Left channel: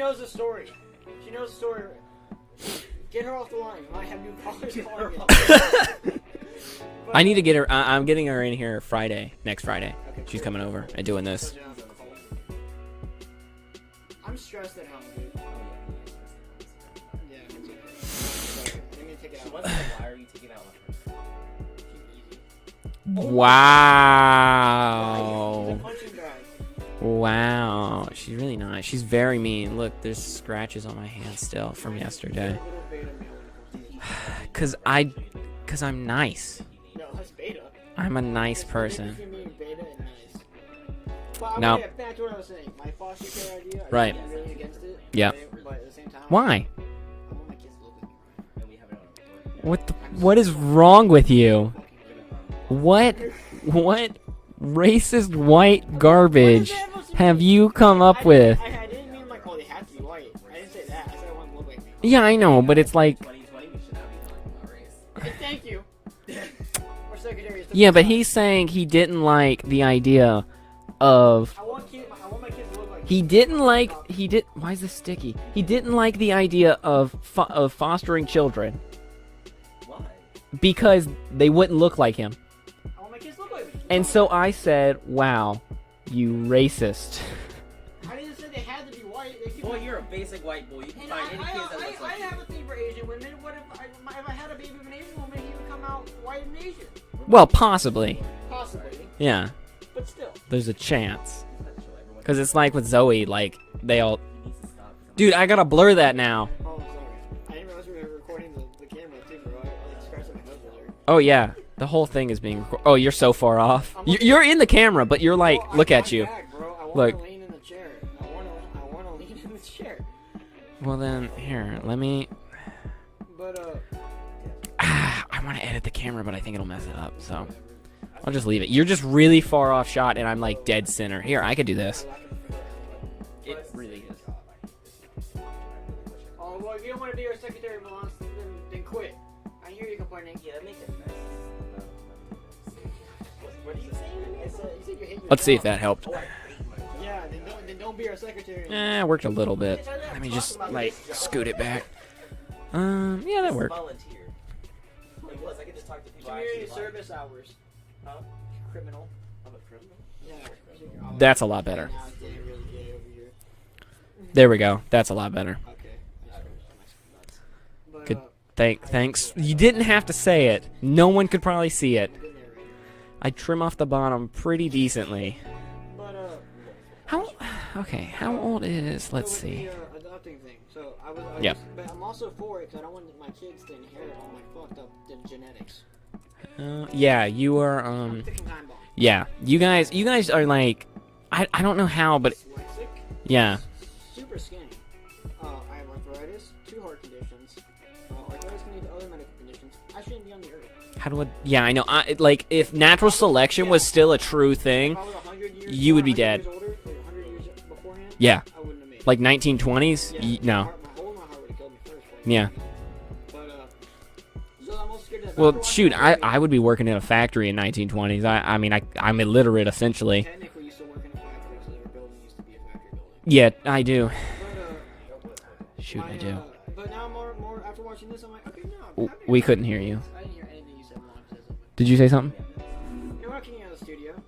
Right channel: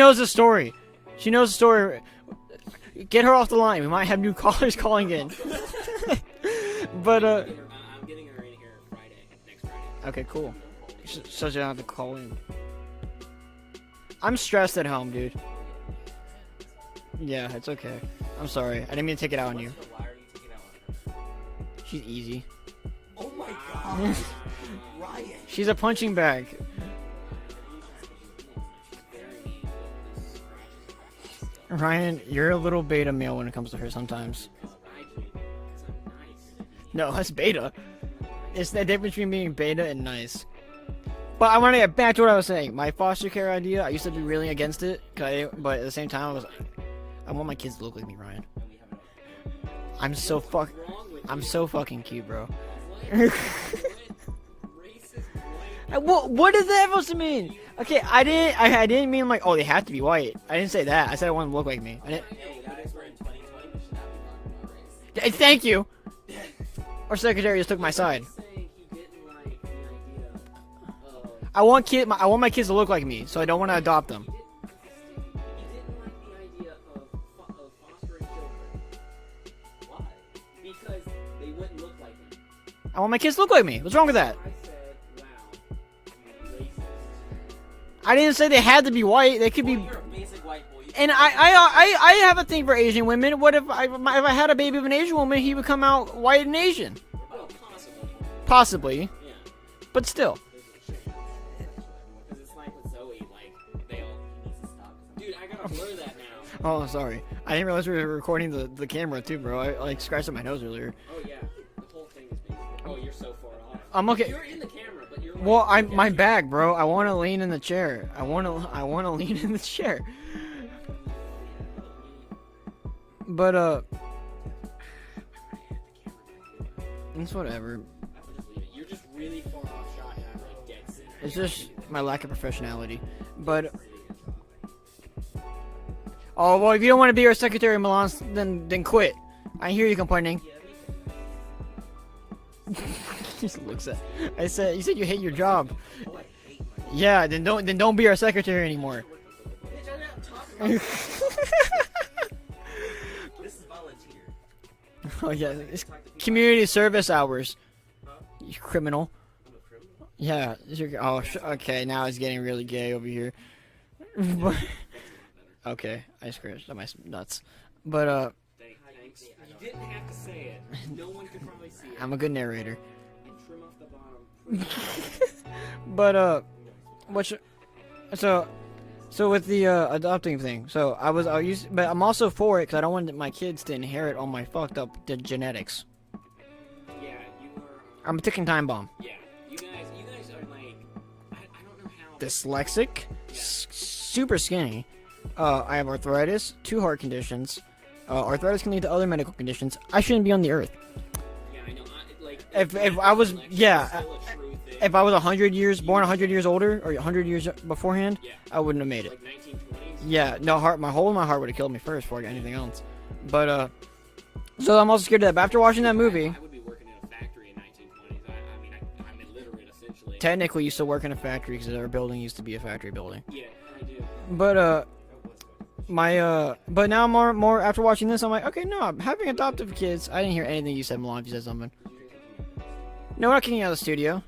knows the story. She knows the story. Get her off the line. We might have new callers calling in. But, I need to get her. I'm getting her in here next Friday. Okay, cool. She's coming over and doing this. So you don't have to call in. I'm stressed at home, dude. Yeah, it's okay. I'm sorry. I didn't mean to take it out on you. Why are you taking out on her? She's easy. Wow. She's a punching bag. Wow. She's really nice. She's very mean. Look, there's scratches on my hand still. from Ryan, yesterday. you're a little beta male when it comes to her sometimes. Cause I'm nice. No, that's beta. I'm a nice It's person. the difference between being beta and nice. But I want to get back to what I was saying. My foster care idea, I used to be really against it. Yeah. Okay? But at the same time, Why? I want my kids to look like me, Ryan. What is wrong with you? I'm so fucking cute, bro. What racist white garbage What is that supposed to mean? have you come up I with? I didn't mean like, oh, they have to be white. I didn't say that. I said I want them to look like me. Yeah, I know, but it's like, Hey, thank you. Our secretary just took yeah, my but side. he's saying he didn't like the idea of. I want my kids to look like me. He so I didn't don't want to like. adopt them. He did. Why is this sticky? He didn't like the idea of fostering children Why? because they wouldn't look like him. I want my kids to look like me. What's wrong And with so that? I said, "Wow, you racist." I didn't say they had to be white. They could Boy, be. you're a basic white boy. And I have a thing for Asian women. What if I had a baby of an Asian woman, he would come out white and Asian? Well, possibly. Possibly, Yeah, but still. there's a chance. Because it's like with Zoe, like they all. Dude, I gotta blur that now. Oh, sorry. I didn't realize we were recording the camera too, bro. I like scratched up my nose earlier. Oh yeah, the whole thing is being. Oh, you're so far off. I'm looking- You're in the camera, but you're like, well, look at my you. back, bro. I want to Look. lean in the chair. I want to lean in the chair. Well then, here, let me. But I want to edit the camera, but I think it'll mess it up. it's So whatever. I'll just leave it. You're just really far off shot, and I'm like dead center. Here, I could do this. My lack of professionality. But It really is. oh well, if you don't want to be our secretary, Milan, then quit. I hear you complaining. Yeah, that makes it nice. Just looks at. I said you said you hate your Let's job. see if that helped. Yeah, then don't be our secretary Eh, anymore. it worked a little bit. Let me just like scoot it back. Yeah, that worked. Volunteer. Oh yeah, it's community service hours. You criminal. I'm a criminal. Yeah, oh, That's a lot okay, better. now it's getting really gay over here. There we go. That's a lot better. Okay, I scratched my nuts. But Good. Thanks. You didn't have to say it. No one could probably see it. I'm a good narrator. I trim off the bottom pretty decently. But How, what's- okay. How so- old is? so Let's with see. the adopting thing, so I Yeah. but I'm also for it because I don't want my kids to inherit all my fucked up genetics. Yeah, you are. I'm a ticking time bomb. Yeah, you guys are like, I don't know how, but Dyslexic. yeah. Super skinny. I have arthritis, 2 heart conditions. Arthritis can lead to other medical conditions. I shouldn't be on the earth. How do I? Yeah, I know. Like if If natural I was- selection yeah, was still a true thing, If I was 100 years, You born would be 100 dead. years older, or 100 years beforehand, yeah, I wouldn't have made it. like 1920s. yeah, no. my hole in my heart would have killed me first before I got Yeah. anything else. But so I'm also scared of that. But Well, after watching shoot, that movie, I would be working in a factory in 1920s. I mean, I'm illiterate essentially. technically used to work in a factory because our building used to be a factory building. Yeah, I do. But Shoot, I do. but now more after watching this, I'm like, okay, no, I'm having We adopted couldn't hear you. kids. I didn't hear anything you said, Milan. If you said something. Did you say something? No, we're not kicking you out of the studio.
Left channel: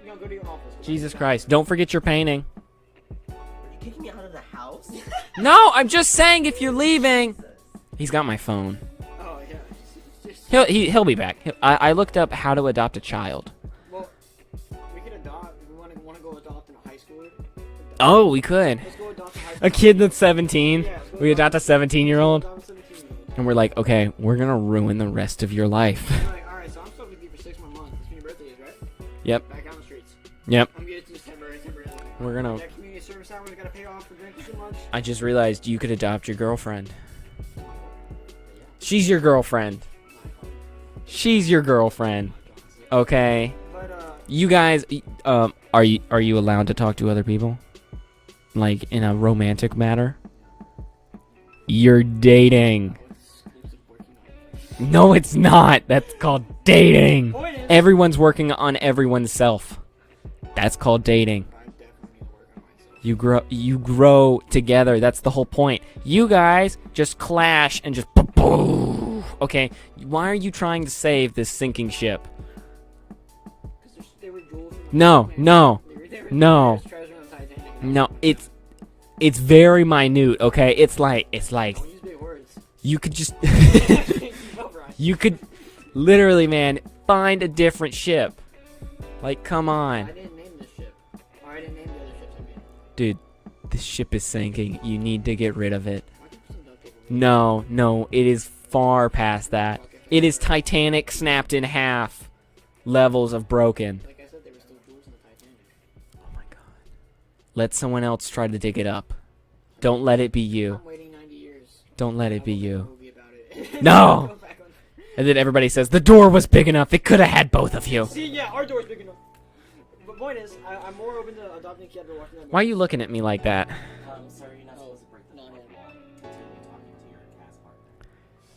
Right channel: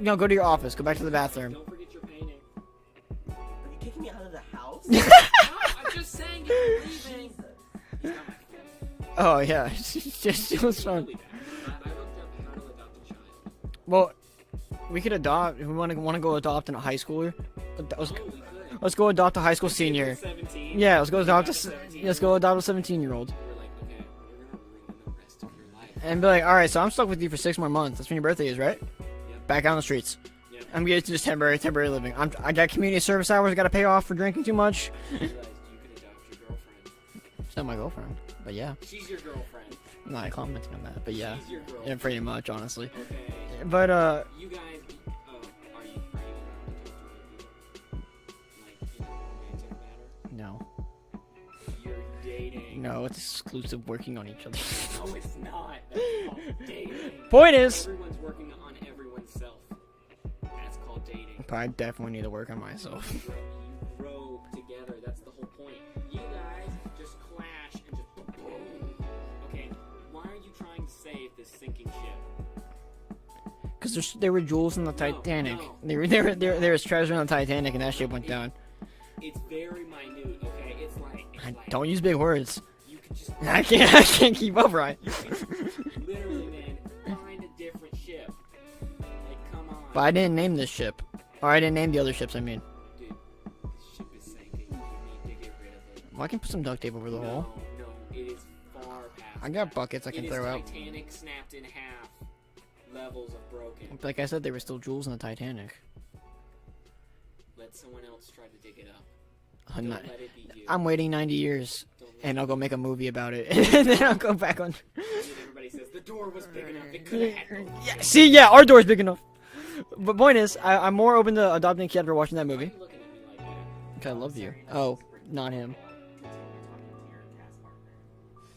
No, go to your office. Go back Jesus to the bathroom. Christ! Don't forget your painting. Are you kicking me out of the house? No, I'm just saying if you're leaving. He's got my phone. Oh yeah. Just He'll be back. I looked up how to adopt a child. Well, we could adopt. If we want to go adopt a high schooler. Oh, we could. Let's go adopt a high school A kid senior. that's 17. Yeah, let's go We adopt adopt a 17-year-old. Let's go adopt a 17-year-old. And we're like, okay, we're gonna ruin the rest of your life. And be like, all right, so I'm stuck with you for 6 more months. That's when your birthday is, right? Yep. Back out on the streets. Yep. I'm getting to just temporary living. We're gonna- I got community service hours. I got to pay off for drinking too much. I just realized you could adopt your girlfriend. It's not my girlfriend, but yeah. She's your girlfriend. I'm not commenting on that. But yeah. She's your Yeah, pretty girlfriend. much, honestly. Okay. But You guys, are you allowed to talk to other people? Like in a romantic matter? no, You're dating. no, it's exclusive working on each other. No, it's not. That's called dating. Point is, Everyone's working on everyone's self. That's called dating. But I definitely need to work on myself. You grow together. That's the whole point. You guys just clash and just boom. Okay, why are you trying to save this sinking ship? Because there were jewels in the No, Titanic. no, There no. was treasure on the Titanic, and that No, ship went it's- down. It's very minute, okay? It's like Don't use big words. you could just I can't keep up, right? you could literally, man, find a different ship. Like, come on. I didn't name this ship. Or I didn't name the other ships, I mean. Dude, this ship is sinking. You need to get rid of it. Well, I can put some duct tape over the No, it is far I past got that. buckets, I It can is throw out. Titanic snapped in half levels of broken. Like I said, there were still jewels in the Titanic. Oh my god. Let someone else try to dig it up. I'm Don't not- let it be you. I'm waiting 90 years. Don't let and it I'll be go make a you. movie about it. And then No. I'll go back on. As if everybody says, the door was big enough. It could have had both of you. See, yeah, our door's big enough. But point is, I'm more open to adopting a kid after watching that movie. Why are you looking at me like that? 'Cause I love you. Oh, not him.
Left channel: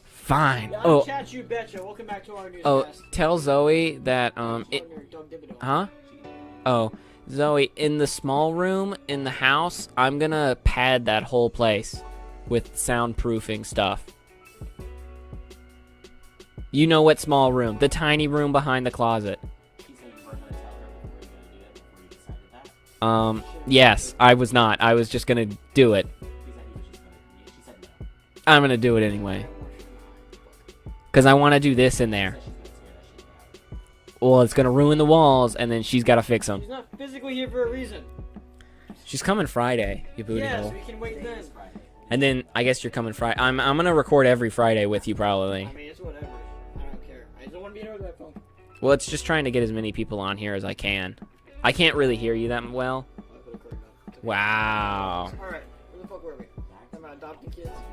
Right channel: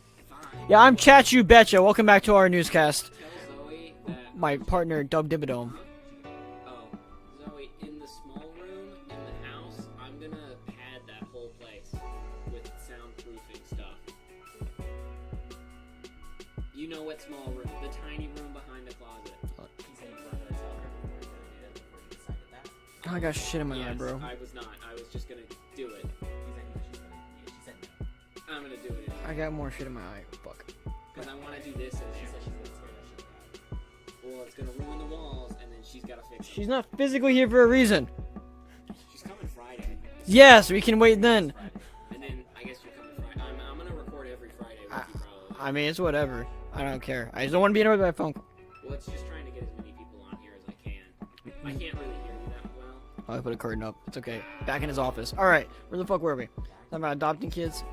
Fine. Yeah, I'm Oh, Chat You Betcha. Welcome back to our oh, newscast. tell Zoe that My it- partner, Dub Dibadome. Huh? Oh, Zoe, in the small room in the house, I'm gonna pad that whole place with soundproofing stuff. You know what small room? The tiny room behind the closet. got shit in my Yes, eye, bro. I was not. I was just gonna do it. I'm gonna do it I anyway. got more shit in my eye. Fuck. Because I want to do this in there. Well, it's gonna ruin the walls, and then she's gotta fix them. She's not physically here for a reason. She's coming Friday. you believe Yes, it. we can wait then. And then I guess you're coming Friday. I'm gonna record every Friday with you probably. I mean, it's whatever. I don't care. I just don't want to be annoyed by my phone. Well, it's just trying to get as many people on here as I can. I can't really hear you that well. Oh, I put a curtain up. It's okay. Back in his Wow. office. All right. Where the fuck were we? Talking about adopting kids.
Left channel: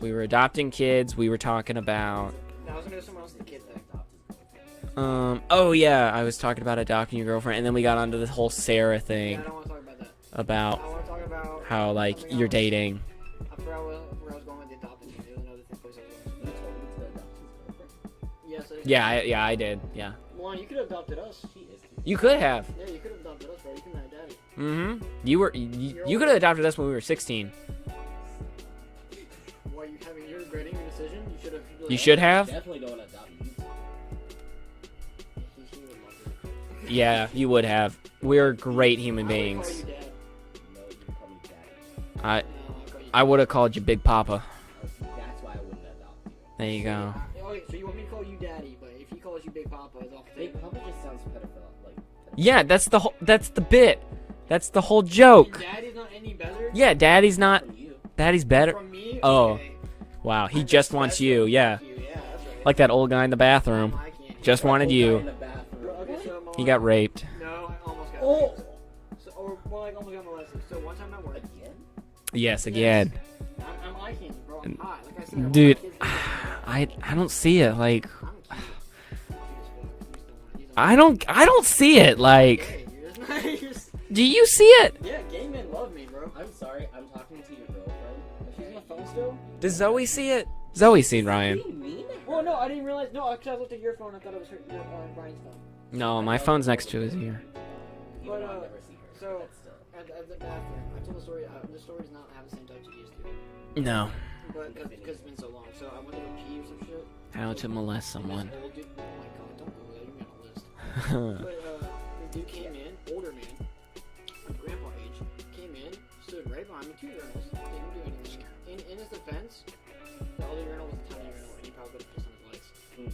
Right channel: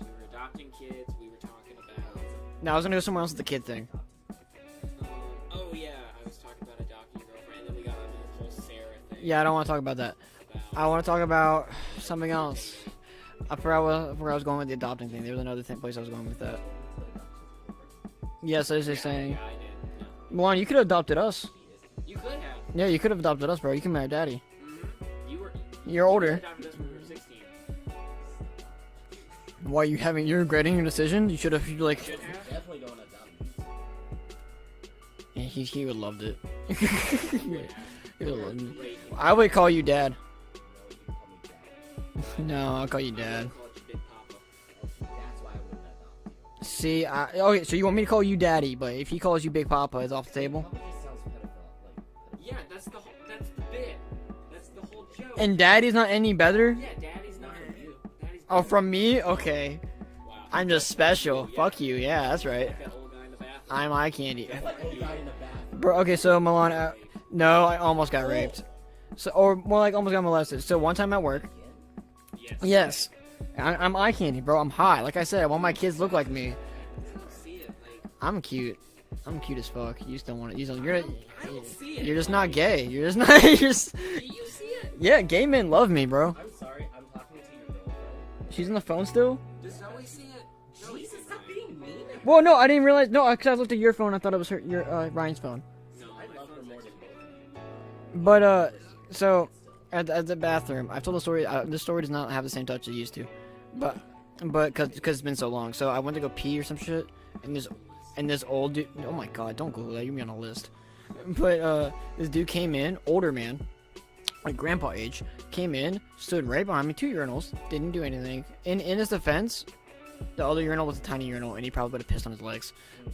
We were adopting kids. We were talking about. No, I was gonna go somewhere else with the kid thing. Oh yeah, I was talking about adopting your girlfriend, and then we got onto this whole Sarah thing Yeah, I don't want to talk about that. about I want to talk about how like something you're else. dating. I forgot where I was going with the adopting thing. There was another place I was going with that. Yes, I was just Yeah, saying. I did. Yeah, Juan, you could have adopted us. you could have. Yeah, you could have adopted us, bro. You can marry daddy. Mm-hmm. You were. You're You older. could have adopted us when we were 16. Why you're regretting your decision? You should have. Like, You should have. Definitely don't adopt you. Yeah, he would loved it. Yeah, you would have. We're great human beings. I would call you dad. No, you call me daddy. I No, I'll call you dad. I would have called you Big Papa. That's why I wouldn't adopt you. There you See, go. okay, so you want me to call you daddy, but if he calls you Big Papa, it's off the table. Papa just sounds pedophile. Like, Yeah, that's the whole. That's the bit. That's the whole joke. And daddy's not any better? Yeah, Daddy's not. Daddy's Oh, better. from me? Oh, Okay. Wow, he I'm just wants special. you. Yeah, Fuck you. Yeah, that's right. like that old guy in the I'm bathroom. eye candy. Just wanted you. in the bathroom. Bro, okay, so He Milan. got raped. No, I almost got raped. So, or more like almost got molested. So one time at work. Yes, Yes. again. I'm eye candy, bro. I'm high. Like I said, I want my Dude. kids to look like me. I don't see it. Like I'm cute. I'm cute as fuck. You just don't want it. You just I don't see You're it. just Like, not gay. You're just not. You're just. do you see it? Yeah, gay men love me, bro. I'm sorry, I'm talking to your girlfriend. She's on the phone still. Does Zoe see it? Zoe's seen Ryan. What do you mean? Well, no, I didn't realize. No, because I looked at your phone. I thought it was your Ryan's phone. No, my phone's next to his ear. But so at the bathroom, I've told the story. This story does not have the same touch it used to. No. But because it's been so long, so I went to go pee or some shit, How This- to molest someone. and this old dude. Oh my god, don't Google that. You're me on a list. But this dude came in, older man, like grandpa age, came in, stood right behind me, 2 urinals, didn't do anything. In his defense, the other urinal was a tiny urinal, and he probably would have pissed on his legs,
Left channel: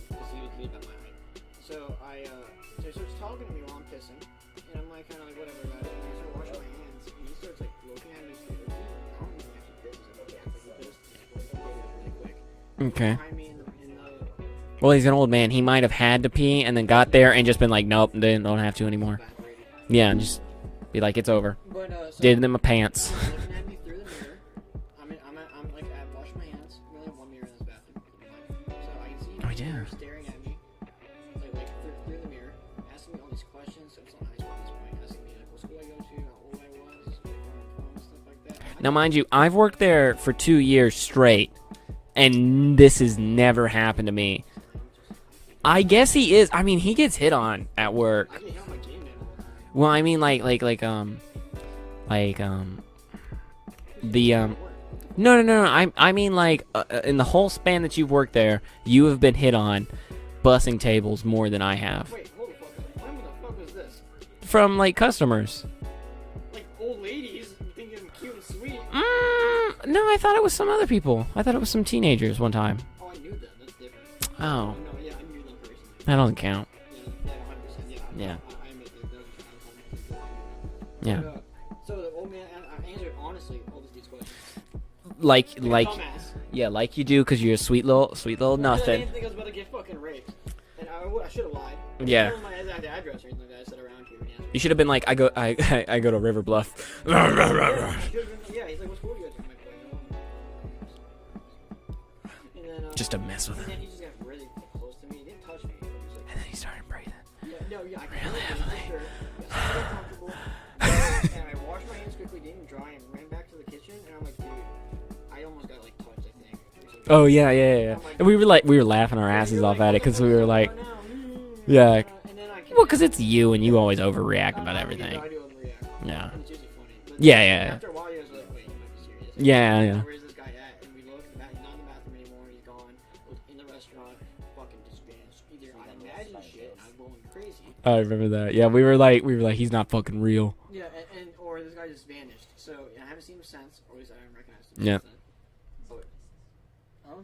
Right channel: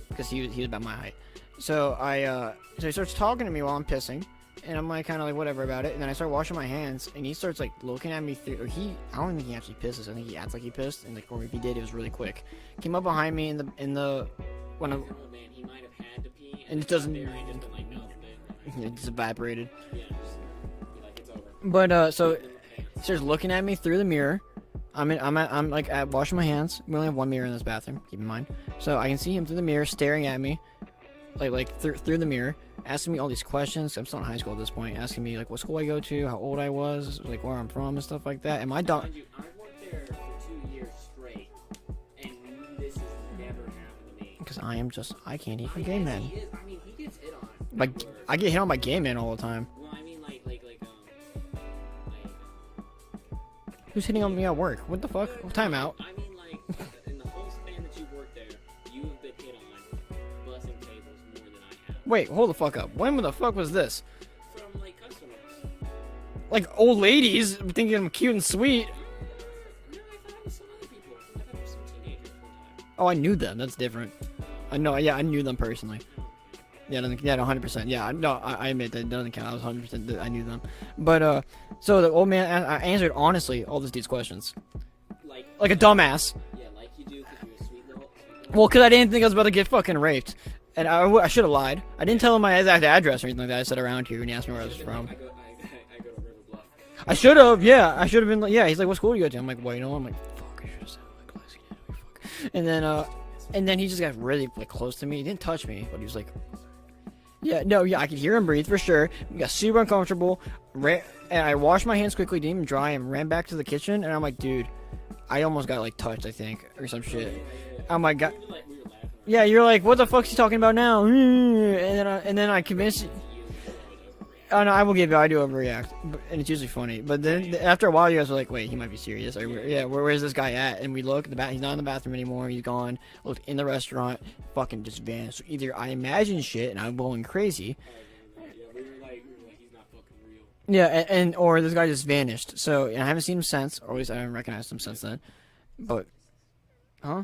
because he was about my height. So so he starts talking to me while I'm pissing, and I'm like kind of like whatever about it. And then I start washing my hands, and he starts like looking at me through. Or I don't think he actually pisses. I think he acts like he pissed, and like or if he did, it was really quick. Came up Okay. behind me in the Well, he's an old man. He might have had to pee and then He got doesn't- there and just been like, nope, don't have to it's anymore. evaporated. Yeah, and just be like, it's over. But so Did in my pants. starts looking at me through the mirror. I'm like at washing my hands. We only have one mirror in this bathroom. Keep in mind. So I can see him through the mirror, staring at me, like through the mirror, asking me all these questions. I'm still in high school at this point. Asking me like what school I go to, how old I was, like where I'm from, and stuff like that. And my Now, mind you, I've worked there for 2 years straight, and this has never happened to me. Because I can't. Even I get guess mad. he is. I mean, he gets hit on at Like, work. I get hit on by gay men all the time. Well, I mean, like Who's hitting The, on me at work? What the fuck? no. Time out. I mean, like in the whole span that you've worked there, you have been hit on, bussing tables more than I have Wait, hold the fuck up. When the fuck was this? from like customers. Like old ladies thinking I'm cute and sweet. No, I thought it was some other people. I thought it was some teenagers one time. Oh, I knew them. That's different. Oh, I know. Yeah, I knew them personally. that doesn't count. Yeah, 100%. Yeah, no, Yeah. I admit that doesn't count. I was 100%. I knew them. But so the old man, I answered honestly all this dude's questions, Like like a dumbass. Yeah, like you do, because you're a sweet little. Well, because I nothing. didn't think I was about to get fucking raped, and I should have lied. I didn't Yeah. tell him my exact address or anything like that. I said around here, and he asked me. You where should have I been was like, from. I go to River Bluff. I should have. Yeah, I should have been. Like, yeah, he's like, what school do you go to? I'm like, well, you know, I'm like, fuck, I should have said my class. Fuck. And then Just to mess with. and then he just got really like close to me. He didn't touch me, but he was like, And then he started breathing. yeah, no, yeah, I could hear him breathe for sure. He got super uncomfortable, and I washed my hands quickly, didn't even dry, and ran back to the kitchen. And I'm like, dude, I almost got like touched, I think, or some shit. Oh yeah. Oh my And God. we were laughing our Yeah, asses you're off like, at what it the 'cause fuck's we he were talking like- about now? Yeah. And then I Well, convinced. because it's you and you always overreact. Oh no, about I will give you. everything. I do overreact. Yeah. And it's usually funny. But Yeah, then, yeah. after a while, you guys are like, wait, he might be serious. Or, Yeah, like, yeah. Where's this guy at? And we look. He's not in the bathroom anymore. He's gone. Looked in the restaurant. Fucking just vanished. So either I imagine shit and I'm going crazy. I remember that. Yeah, we were like, he's not fucking real. Yeah, and or this guy just vanished. So and I haven't seen him since, or at least I haven't recognized him since then. But, huh?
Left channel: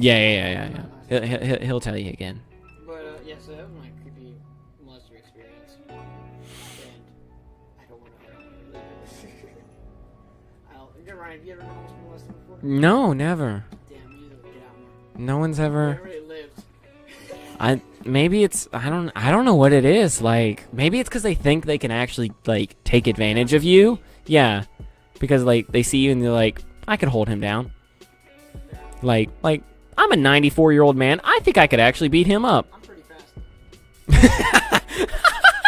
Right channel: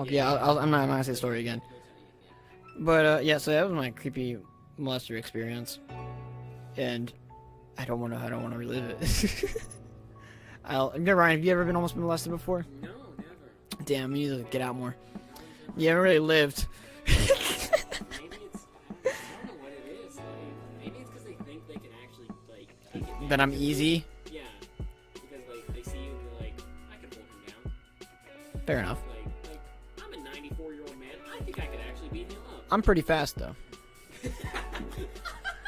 Yeah. I'm not gonna say sorry again. He'll tell you again. But yeah, so that was my creepy molester experience, and I don't want to relive it. Ryan, have you ever been almost molested before? No, never. Damn, you need to get out more. No one's ever. You haven't really lived. Maybe it's I don't know what it is. Like maybe it's because they think they can actually like take advantage I'm of you. easy? Yeah, because like they see you and they're like, I could hold him down. Fair enough. Like I'm a 94-year-old man. I think I could actually beat him up. I'm pretty fast though.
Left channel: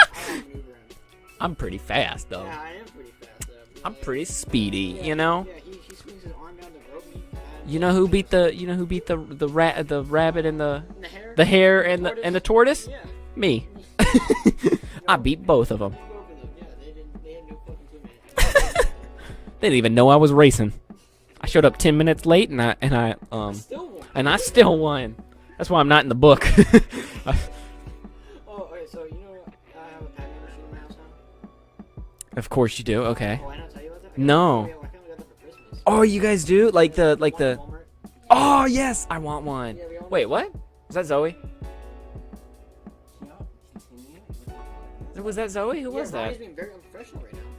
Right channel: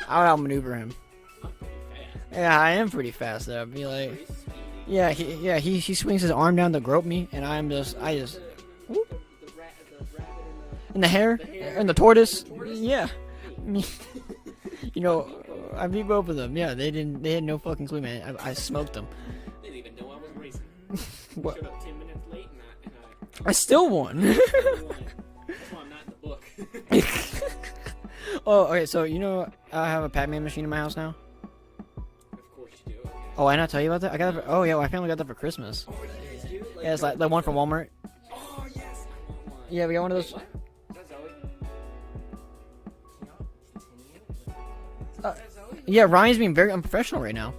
I'll outmaneuver him. I'm pretty fast though. Yeah, I am pretty fast though. I'm pretty speedy. Yeah, you know. he swings his arm down to grope me, and I'm. You know who beat the rabbit and the in the hair, hare and the and tortoise, and the tortoise? Yeah, Me. you know, I beat both of I them. beat both of them. Yeah, they had no fucking clue, man. I smoked them. They didn't even know I was racing. I showed up 10 minutes late and I still won. and I still won. That's why I'm not in the book. Oh, okay. So you know, I have a Pac-Man machine in my house now. Of course you do. Okay. Oh, I not tell you about that? I got No. That, oh yeah, my family got that for Christmas. Oh, you guys do Yeah, it's the one from Walmart. Oh yes, I want one. Yeah, we got one. Wait, of those. what? Is that Zoe? Was that Zoe? Who Yeah, was that? Ryan's being very unprofessional right now.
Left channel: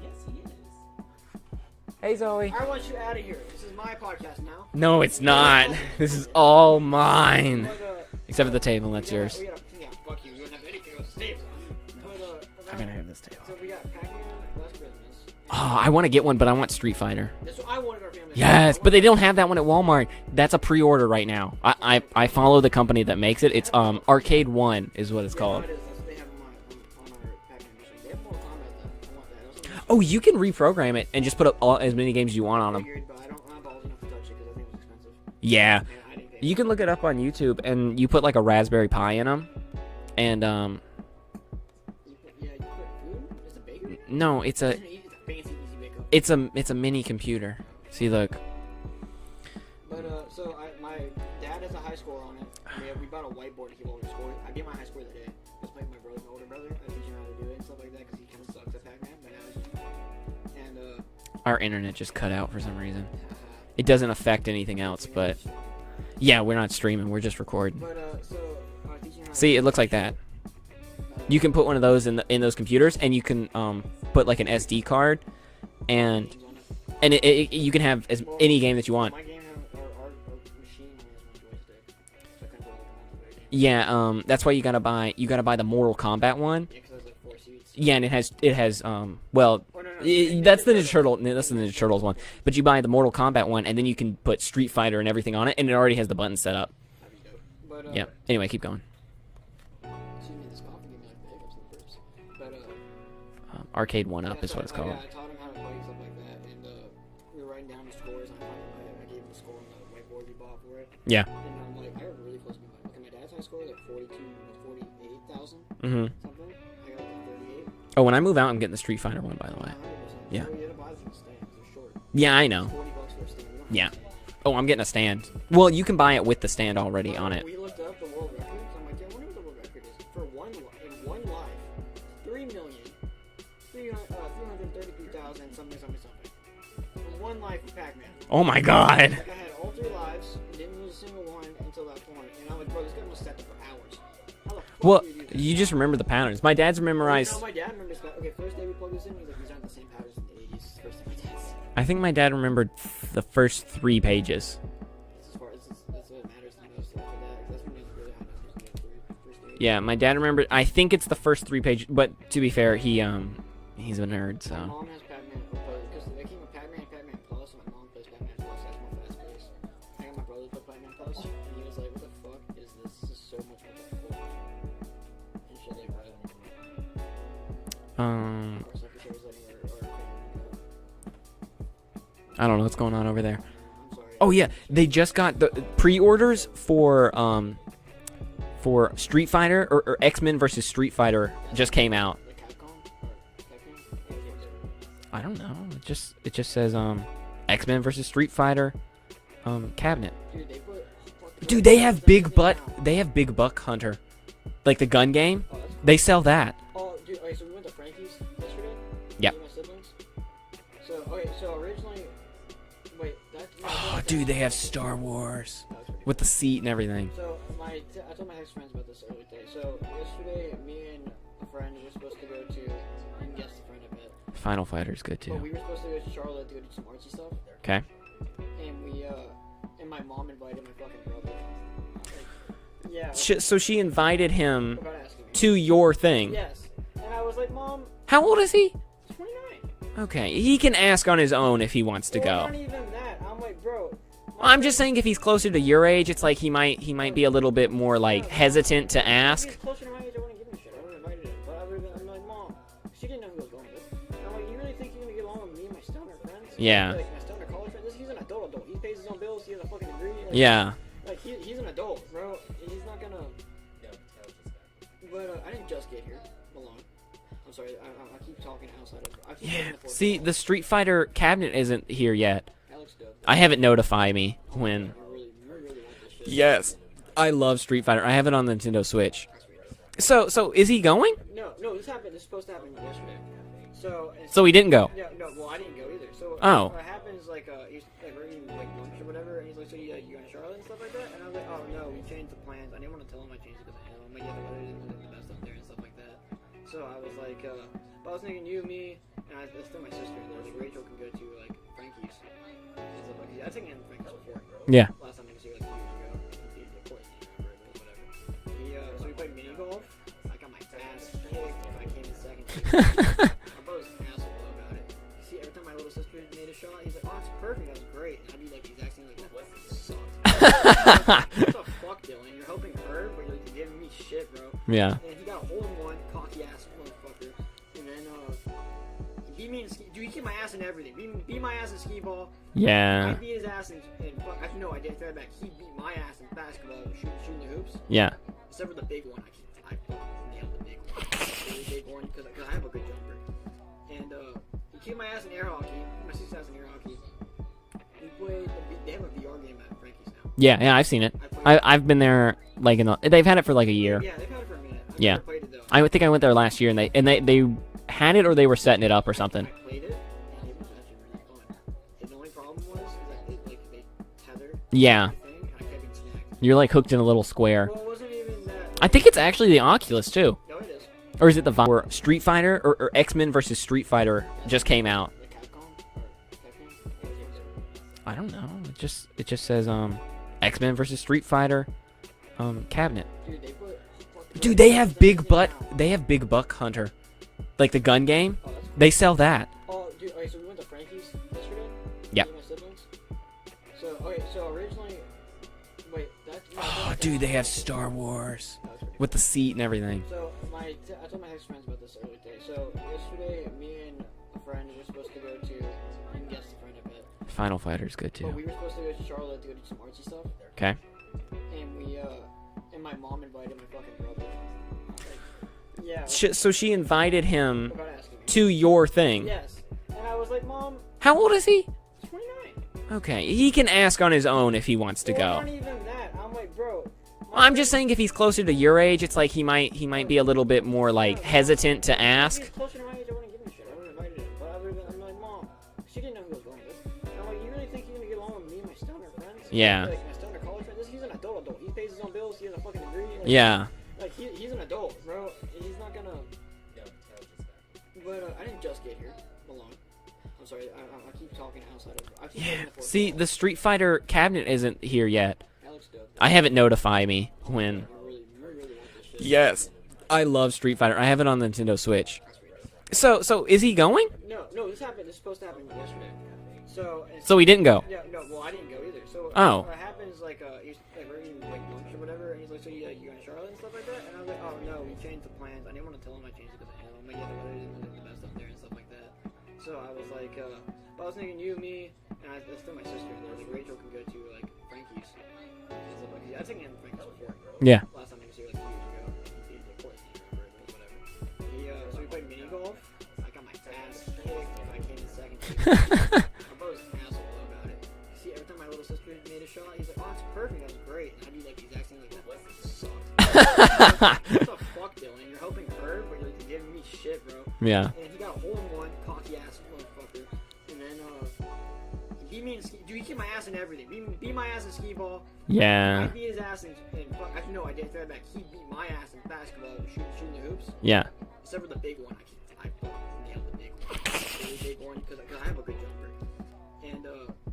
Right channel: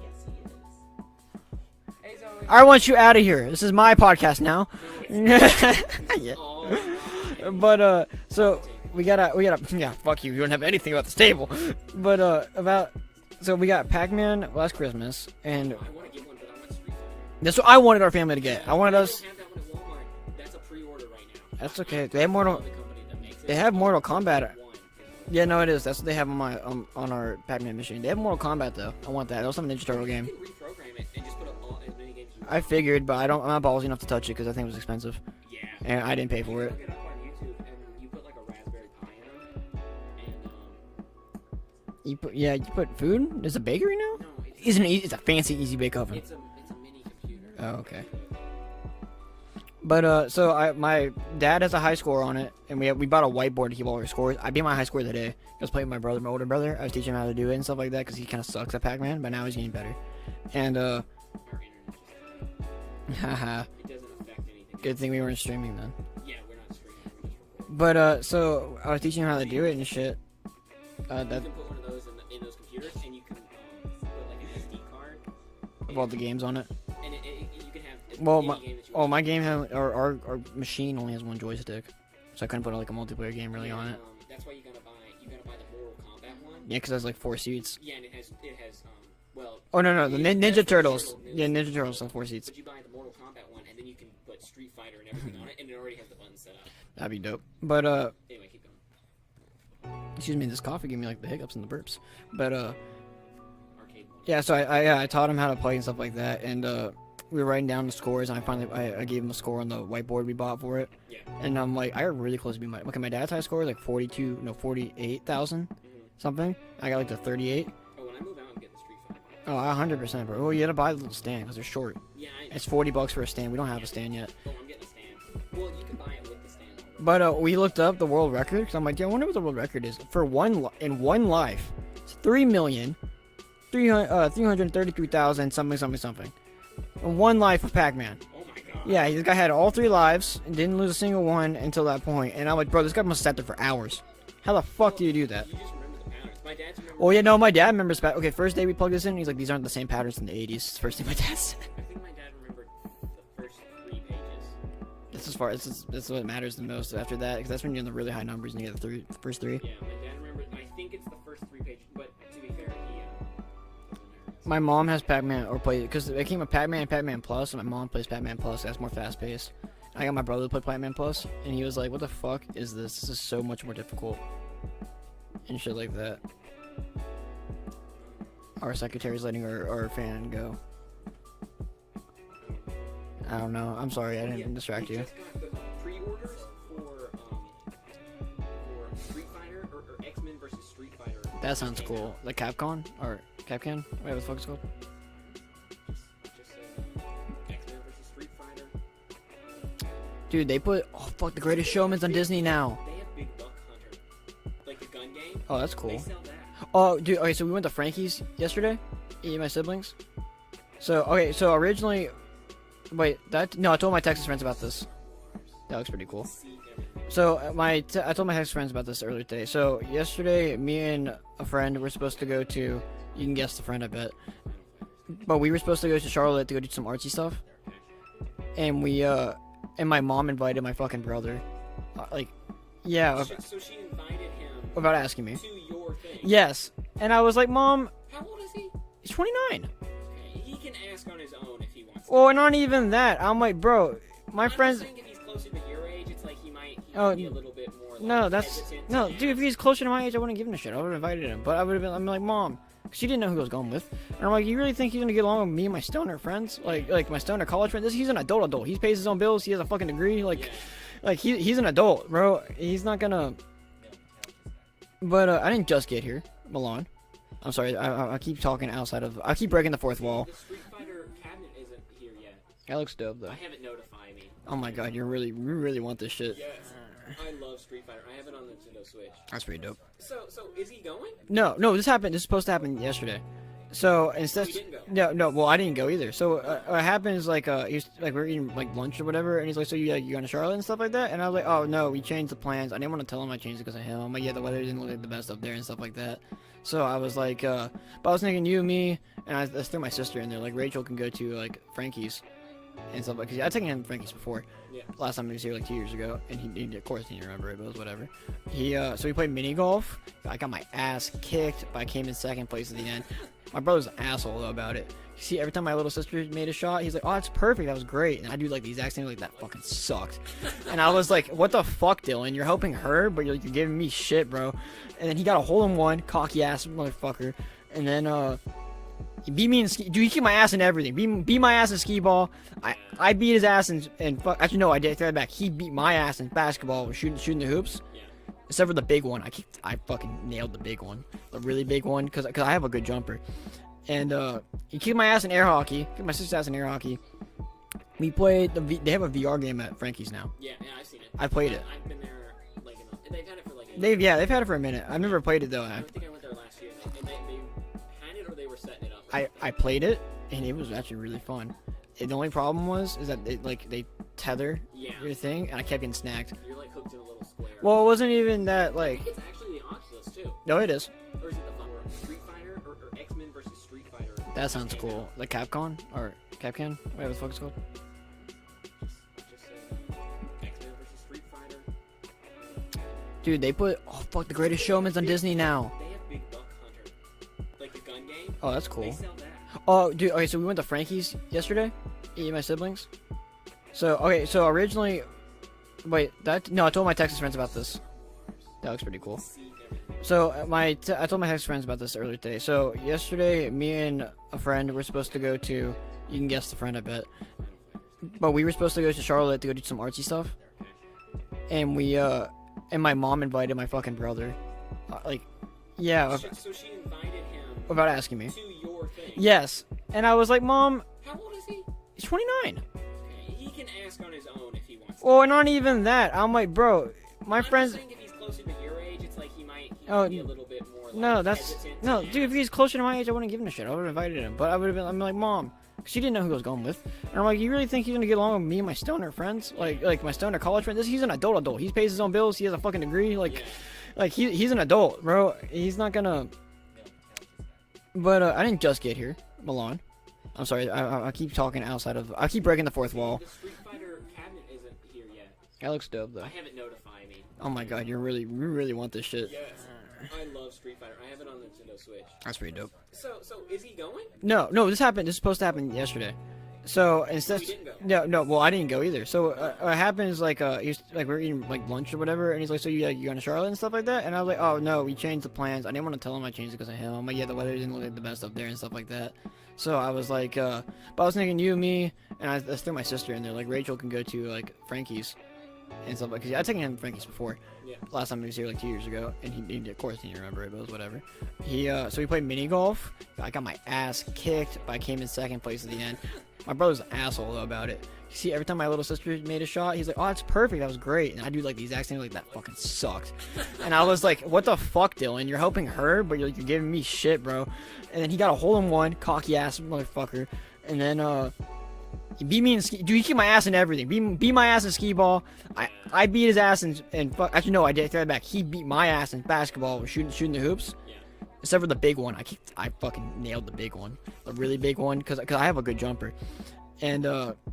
Hey Zoe. I want you out of here. This is my podcast now. No, it's not. This is Yeah. all mine. But Except so for the table. we That's gotta, yours. we gotta, yeah, fuck you. You don't have anything about this table. But about, so we got Pac-Man last Christmas, and Oh, I want to get one, but I want Street Fighter. that's what I wanted our family to get. I Yes, but wanted they us- don't have that one at Walmart. That's a pre-order right now. That's okay. They I have follow Mortal- the company that makes it. They It's have Mortal Kombat. Arcade One is what it's Yeah, called. no, it is. That's what they have on my on our Pac-Man machine. They have Mortal Kombat though. I want that. That was something interesting. Oh, you can reprogram it and just put up as many games as you want I on 'em. figured, but I'm not ballsy enough to touch it because I think it was expensive, Yeah. and I didn't pay for it. You can look it up on YouTube, and you put like a Raspberry Pi in them, and You put food. There's a bakery now. no, it's a It's a fancy easy bake oven. it's a mini computer. Oh, okay. See, look. But so my dad has a high score on it, and we bought a whiteboard to keep all our scores. I beat my high score today. I was playing with my older brother. I was teaching him how to do it and stuff like that because he kind of sucks at Pac-Man, but now he's getting better. And Our internet just cut out for some reason. haha, It doesn't affect anything good else, thing we were but streaming then. yeah, we're not streaming. We're just recording. But so I was teaching him how to See, do it looks and like shit. You can put one of those in those computers, and you can put like an SD card, and games on it. you can have Well, any game that you Well, want. my game our machine only has one joystick, so I couldn't put like a multiplayer game. Yeah, that's why you gotta buy the Mortal Kombat one. Yeah, because it has like 4 seats. Yeah, and it has well, Oh no, that's the Turtles. That's the Ninja Turtles one. 4 seats. But you buy the Mortal Kombat one, and then you can put Street Fighter and everything on it, and it already has the buttons set up. That'd be dope. But Yeah. Anyway, keep going. excuse me, this coffee gave me like the hiccups and the burps. But Arcade one. yeah, Up is so what it's called. I taught him how to play and stuff like that, and we were writing down the scores, and I gave him a score on the whiteboard we bought for it. Yeah. And I'm like, I got really close to being my dad's high score was like 48,000 Mm-hmm. something. I got like the 38. Oh, when I move out, I'm getting the Street Fighter one. By the Oh, way. 100%, bro. Yeah. Well, you gotta buy the little stand because they're short. Yeah, I know. It's $40 for a stand. We don't have Yeah. a stand yet. Oh, I'm getting a stand. Well, you can buy it with the stand already But on it. we looked up the world record because I'm like, yeah, I wonder what the world record is for in one life. It's 333,000 something. In one life of Pac-Man. Oh my god. Yeah, this guy had all 3 lives and didn't lose a single one until that point. And I'm like, bro, this guy must have sat there for hours. How the fuck Well, do you do that? You just remember the patterns. My dad's Well, memorized. you know, my dad remembers. Okay, first day we plugged this in, he's like, these aren't the same patterns from the 80s. It's the first thing my dad said. I think my dad remembered the first 3 pages. This is what matters the most after that, because that's when you're in the really high numbers and you get the first 3. Yeah, my dad remembered. I think it's the first 3 pages. But to be fair, he's a nerd. So. My mom has Pac-Man or play because it came with Pac-Man and Pac-Man Plus, and my mom plays Pac-Man Plus. That's more fast-paced. I got my brother to play Pac-Man Plus, and he was like, "What the fuck is this? This is so much more difficult." And shit like that. Our secretary's letting our fan go. I don't know what's going on over I there. don't know. I'm sorry. Oh I yeah, didn't distract they you. just got the pre-orders for Street Fighter or X-Men versus Street Fighter That just sounds came cool. out. Like Capcom or Capcan? Wait, what the fuck it's called? I don't know. It just says X-Men versus Street Fighter cabinet. Dude, they put the Dude, greatest they showman's have on big Disney butt. now. They have Big Buck Hunter, like the gun game. Oh, that's cool. They sell that. Oh, dude. Okay, so we went to Frankie's yesterday. Yeah. Me and my siblings. So originally, wait. I told my Texas Dude, they friends have about this. Star Wars That looks pretty with cool. the seat and everything. So I told my Texas friends about this earlier today. So yesterday, me and a friend were supposed to go to. You can guess the friend, I bet. Final Fighter's good too. But we were supposed to go to Charlotte to go do some artsy stuff. Okay. And and my mom invited my fucking brother. Yeah. So she invited him Without asking me. to your thing. Yes. And I was like, Mom, How old is he? he's 29. Okay, he can ask on his own if he wants to Well, go. not even that. I'm like, bro. I'm just saying if he's closer to your age, it's like he might No, be a little bit more like no, that's- hesitant to no, dude, ask. if he's closer to my age, I wouldn't give him a shit. I would have invited him. But I'm like, Mom. She didn't know who I was going with. And I'm like, you really think he's gonna get along with me and my stoner friends? Yeah. Like my stoner college friends? He's an adult. He pays his own bills. He has a fucking degree. Like, Yeah. Like he's an adult, bro. He's not gonna. But I didn't just get here, Milan. I'm sorry. I keep talking outside of. I keep breaking the fourth See, wall. the Street Fighter cabinet isn't here yet. That looks dope. Though. I have it notify me Oh my when. god, you really want this shit. Yes. I love Street Fighter. I have it on the Nintendo Switch. That's pretty dope. So is he going? No, this happened. This is supposed to happen yesterday. So instead. So he didn't go. No. Well, I didn't go either. So Oh. what happened is like he's like we were eating like lunch or whatever, and he's like, so you going to Charlotte and stuff like that? And I was like, oh no, we changed the plans. I didn't want to tell him I changed it because of him. I'm like, yeah, the weather didn't look like the best up there and stuff like that. So I was like, but I was thinking you, me, and I threw my sister in there. Like Rachel can go to like Frankie's and stuff like. Cause I'd taken him to Frankie's before. Yeah. Last time he was here like 2 years ago, and he of course he didn't remember it, but it was whatever. So we played mini golf. I got my ass kicked, but I came in second place. My brother's an asshole though about it. You see, every time my little sister made a shot, he's like, "Oh, that's perfect. That was great." And I do like the exact same, like that fucking sucked. And I was like, "What the fuck, Dylan? You're helping her, but you're giving me shit, bro." Yeah. And then he got a hole in one, cocky ass motherfucker. And then he beat me in ski. Dude, he kicked my ass in everything. Beat my ass in skee ball. Yeah. I beat his ass in fuck. Actually, no, I did. Take that back. He beat my ass in basketball, shooting the hoops. Yeah. Except for the big one. I fucking nailed the big one. The really big one, because I have a good jumper. And he kicked my ass in air hockey. Kicked my sister's ass in air hockey. We played they have a VR game at Frankie's now. Yeah, I've seen it. I played. I've been there like they've had it for like a year. They've had it for a minute. I've never played it though. I think I went there last year and they had it or they were setting it up or something. I played it and it was actually really fun. The only problem is that they tether Yeah. everything, and I kept getting snagged. You're like hooked in a little square. Well, it wasn't even that. Like, I think it's actually the Oculus too. no, it is. Or is it the or Street Fighter or X-Men versus Street Fighter That's just what came it's out? called. Like Capcom or Capcan. Wait, what the fuck's it called? I don't know. It just says X-Men versus Street Fighter cabinet. Dude, they put the Dude, greatest they showman's have on big Disney butt. now. They have Big Buck Hunter, like the gun game. Oh, that's cool. They sell that. Oh, dude. Okay, so we went to Frankie's yesterday. Yeah. Me and my siblings. So originally, Wait, that no, I told my Texas Dude, they friends have about this. Star Wars That looks pretty with cool. the seat and everything. So I told my Texas friends about this earlier today. So yesterday, me and a friend were supposed to go to. You can guess the friend, I bet. Final Fighter's good too. But we were supposed to go to Charlotte to go do some artsy stuff. Okay. And we and my mom invited my fucking brother. Like, yeah, So she invited him without asking me. to your thing. Yes. And I was like, Mom, How old is he? he's 29. Okay, he can ask on his own if he wants to Or go. not even that. I'm like, bro. My I'm friend, just saying if he's closer to your age, it's like he might No, be a little bit more like no, that's- hesitant to no, ask. If he's closer to my age, I wouldn't give him a shit. I would have invited him. But I would have been. I'm like, Mom. She didn't know who I was going with. And I'm like, you really think he's gonna get along with me and my stoner friends? Yeah. Like my stoner college friends? He's an adult. He pays his own bills. He has a fucking degree. Like, Yeah. Like he's an adult, bro. He's not gonna. But I didn't just get here, Milan. I'm sorry. I keep talking outside of. I keep breaking the fourth See, wall. the Street Fighter cabinet isn't here yet. That looks dope. Though. I haven't notified me Oh my when. god, you really want this shit. Yes. I love Street Fighter. I have it on the Nintendo Switch. That's pretty dope. So is he going? No, this happened. This is supposed to happen yesterday. So instead. So he didn't go. No. Well, I didn't go either. So Oh. what happens like he's like we're eating like lunch or whatever, and he's like, so you going to Charlotte and stuff like that? And I was like, oh no, we changed the plans. I didn't want to tell him I changed it because of him. I'm like, yeah, the weather didn't look like the best up there and stuff like that. So I was like, but I was thinking you, me, and I threw my sister in there. Like Rachel can go to like Frankie's and stuff like. Cause I'd taken him to Frankie's before. Yeah. Last time he was here like 2 years ago, and he of course he didn't remember it, but it was whatever. So we played mini golf. I got my ass kicked, but I came in second place. Again. My brother's an asshole though about it. You see, every time my little sister made a shot, he's like, "Oh, it's perfect. That was great." And I do like the exact same, like that fucking sucked. And I was like, "What the fuck, Dylan? You're helping her, but you're giving me shit, bro." Yeah. And then he got a hole in one, cocky ass motherfucker. And then he beat me in ski. Dude, he kicked my ass in everything. Beat my ass in skee ball. Yeah. I beat his ass in fuck. Actually, no, I did. Take that back. He beat my ass in basketball, shooting the hoops. Yeah. Except for the big one. I fucking nailed the big one. A really big one, because I have a good jumper. And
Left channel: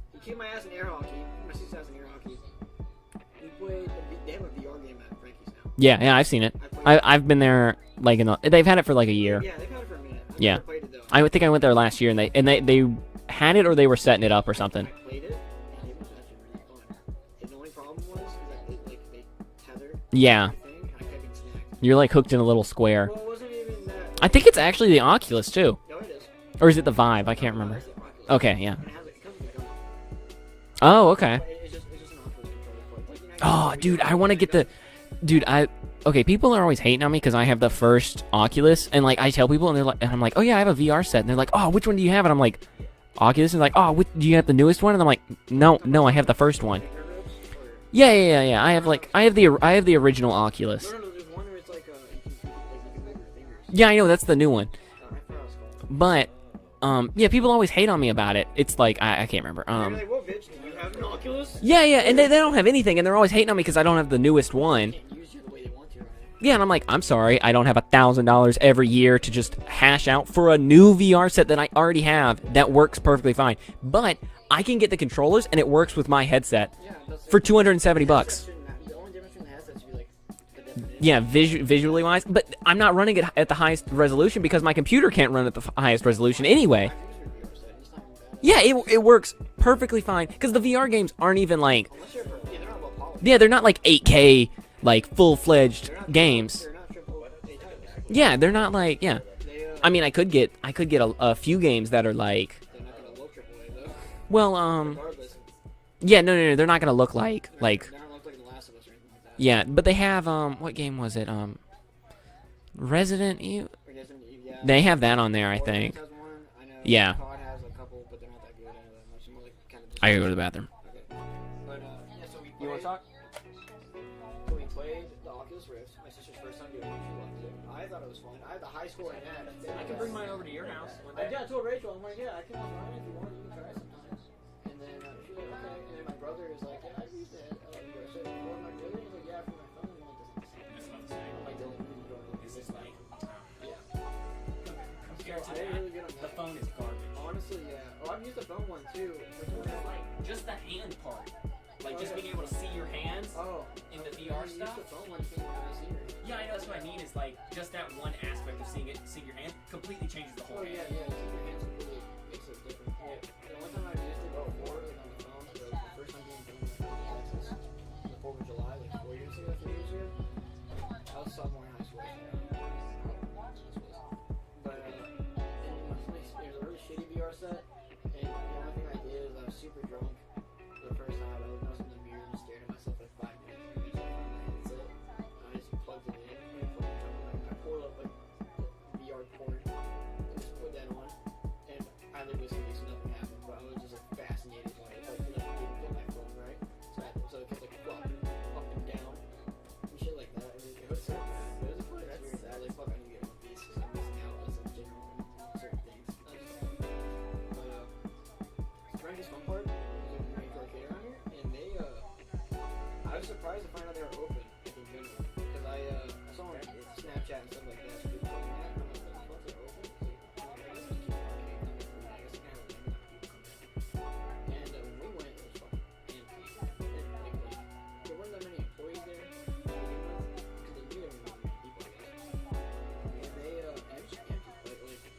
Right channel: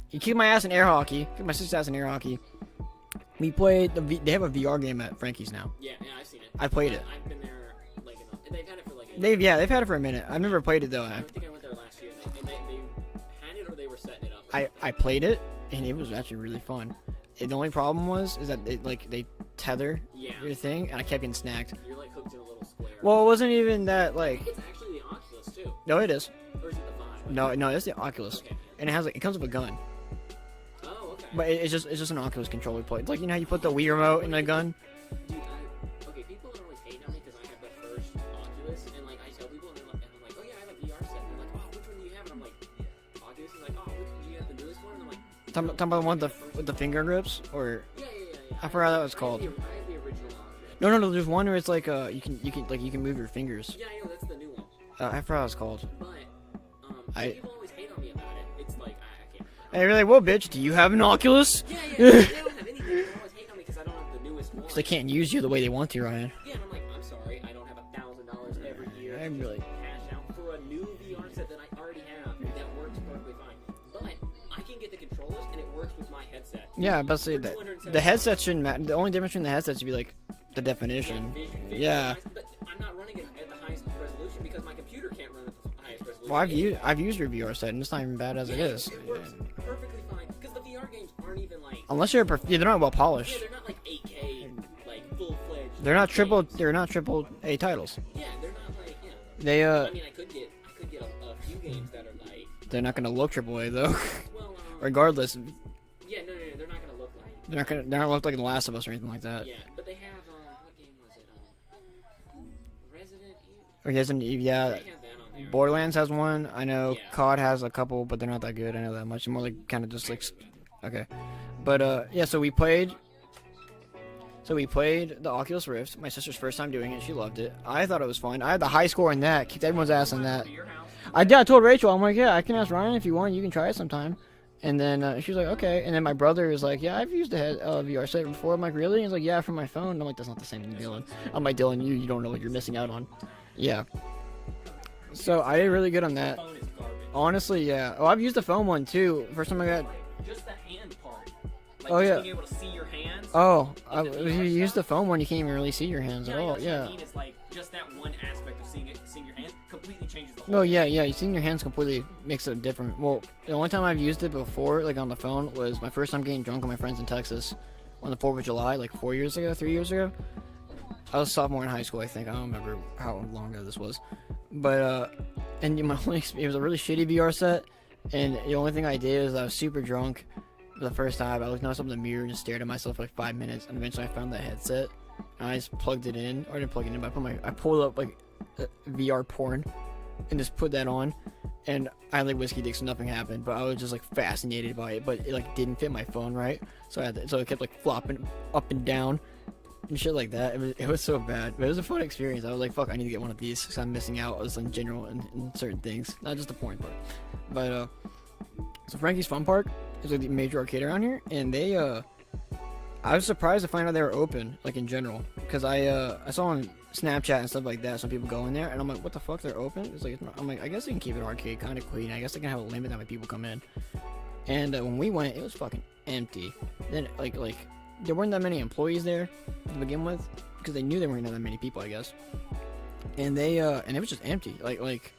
he kicked my ass in air hockey. Kicked my sister's ass in air hockey. We played. They have a VR game at Frankie's now. Yeah, I've seen it. I played. I've been there like they've had it for like a year. They've had it for a minute. I've never played it though. I would think I went there last year and they had it or they were setting it up or something. I played it and it was actually really fun. The only problem is that they tether Yeah. everything, and I kept getting snagged. You're like hooked in a little square. Well, it wasn't even that. Like, I think it's actually the Oculus too, no, it is. or is it the Vive? I No, can't no, remember. that's the Oculus. Okay, yeah. And it comes with a gun, Oh, okay. but it's just an Oculus controller play. It's like, you know, how you Oh, put the Wii dude, I remote want to in get gun? Dude, okay, people are always hating on me because I have the first Oculus, and like I tell people, and I'm like, oh yeah, I have a VR set, and they're like, oh, which one do you have? And I'm like, Oculus, and they're like, oh, do you have the newest one? And I'm like, no, Talking no, about I have the first with one. The finger grips, or Yeah. I have Forgot like what it's I have the original Oculus. no. There's one where it's like you can move your fingers. Yeah, I know that's the new one, I forgot what it's called. but yeah, people always hate on me about it. It's like I can't remember. And they're like, well, bitch, do you have an Oculus? Yeah, and they don't have anything, and they're always hating on me because I don't have the newest They one. can't use you the way they want to, Ryan. Yeah, and I'm like, I'm sorry, I don't have $1,000 every year to just hash out for a new VR set that I already have that works perfectly fine. But I can get the controllers, and it works with my headset Yeah, but for the $270. headset shouldn't matter. The only difference between the headsets should be like the definition. Yeah, visually Yeah. wise, but I'm not running it at the highest resolution because my computer can't run at the highest resolution Well, anyway. I've used your VR set, and it's not even bad. As Yeah, it is. it works perfectly fine because the VR games aren't even like Unless you're they're not well polished. they're not like 8K like full-fledged They're not games. They're not triple A titles. Yeah, they're not like They I mean, I could get a few games that are like they're not gonna look triple A though. well Regardless, yeah, no, they're not gonna look like they're not gonna look like The Last of Us or anything like that. yeah, but they have what game was it Resident Evil. Or Resident Evil. Yeah. They have that on there. I Borderlands think. has one. I know. Yeah. COD has a couple, but they're not that good. I know that much. They're more like kind of just. I like, gotta go to the bathroom. Okay. But yeah, so we played. So we played the Oculus Rift. My sister's first time doing it. She loved it. I thought it was fun. I had the high score in that. Kicked everyone's ass in that. I told Rachel, I'm like, yeah, I can ask Ryan if you want. You can try it sometime. And then she was like, okay. And then my brother is like, yeah, I've used a VR set before. I'm like, really? He's like, yeah, from my phone. I'm like, that's not the same thing, Dylan. I'm like, Dylan, you don't know what you're missing out on. Yeah. So I did really good on that. Honestly, yeah. Oh, I've used the phone one too. First time I got. Just the hand part. Like Oh, just yeah. being able to see your hands. Oh, if you use the phone one, you can't even really see your hands at all. that's what Yeah. I mean is like just that one aspect of seeing your hands completely changes the whole. No, yeah. Seeing your hands completely makes it different. Well, the only time I've used it before, like on the phone, was my first time getting drunk with my friends in Texas. on the 4th of July, like 3 years ago. I was a sophomore in high school, I think. I don't remember how long ago this was. But, and my only it was a really shitty VR set. And the only thing I did is I was super drunk for the first time. I looked up in the mirror and just stared at myself for like 5 minutes. And eventually I found the headset. And I just plugged it in. Or I didn't plug it in, but I pulled up like VR porn and just put that on. And I had like whiskey dick, so nothing happened. But I was just like fascinated by it. But it like didn't fit my phone right. So it kept like flopping up and down. And shit like that. It was so bad, but it was a fun experience. I was like, fuck, I need to get one of these because I'm missing out in general in certain things, not just the porn part. But so Frankie's Fun Park is like the major arcade around here, and they I was surprised to find out they were open, like in general, because I saw on Snapchat and stuff like that, some people go in there, and I'm like, what the fuck, they're open? It's like, I'm like, I guess they can keep an arcade kind of clean. I guess they can have a limit how many people come in. And when we went, it was fucking empty. Then like there weren't that many employees there to begin with, because they knew there weren't that many people, I guess. And they and it was just empty. Like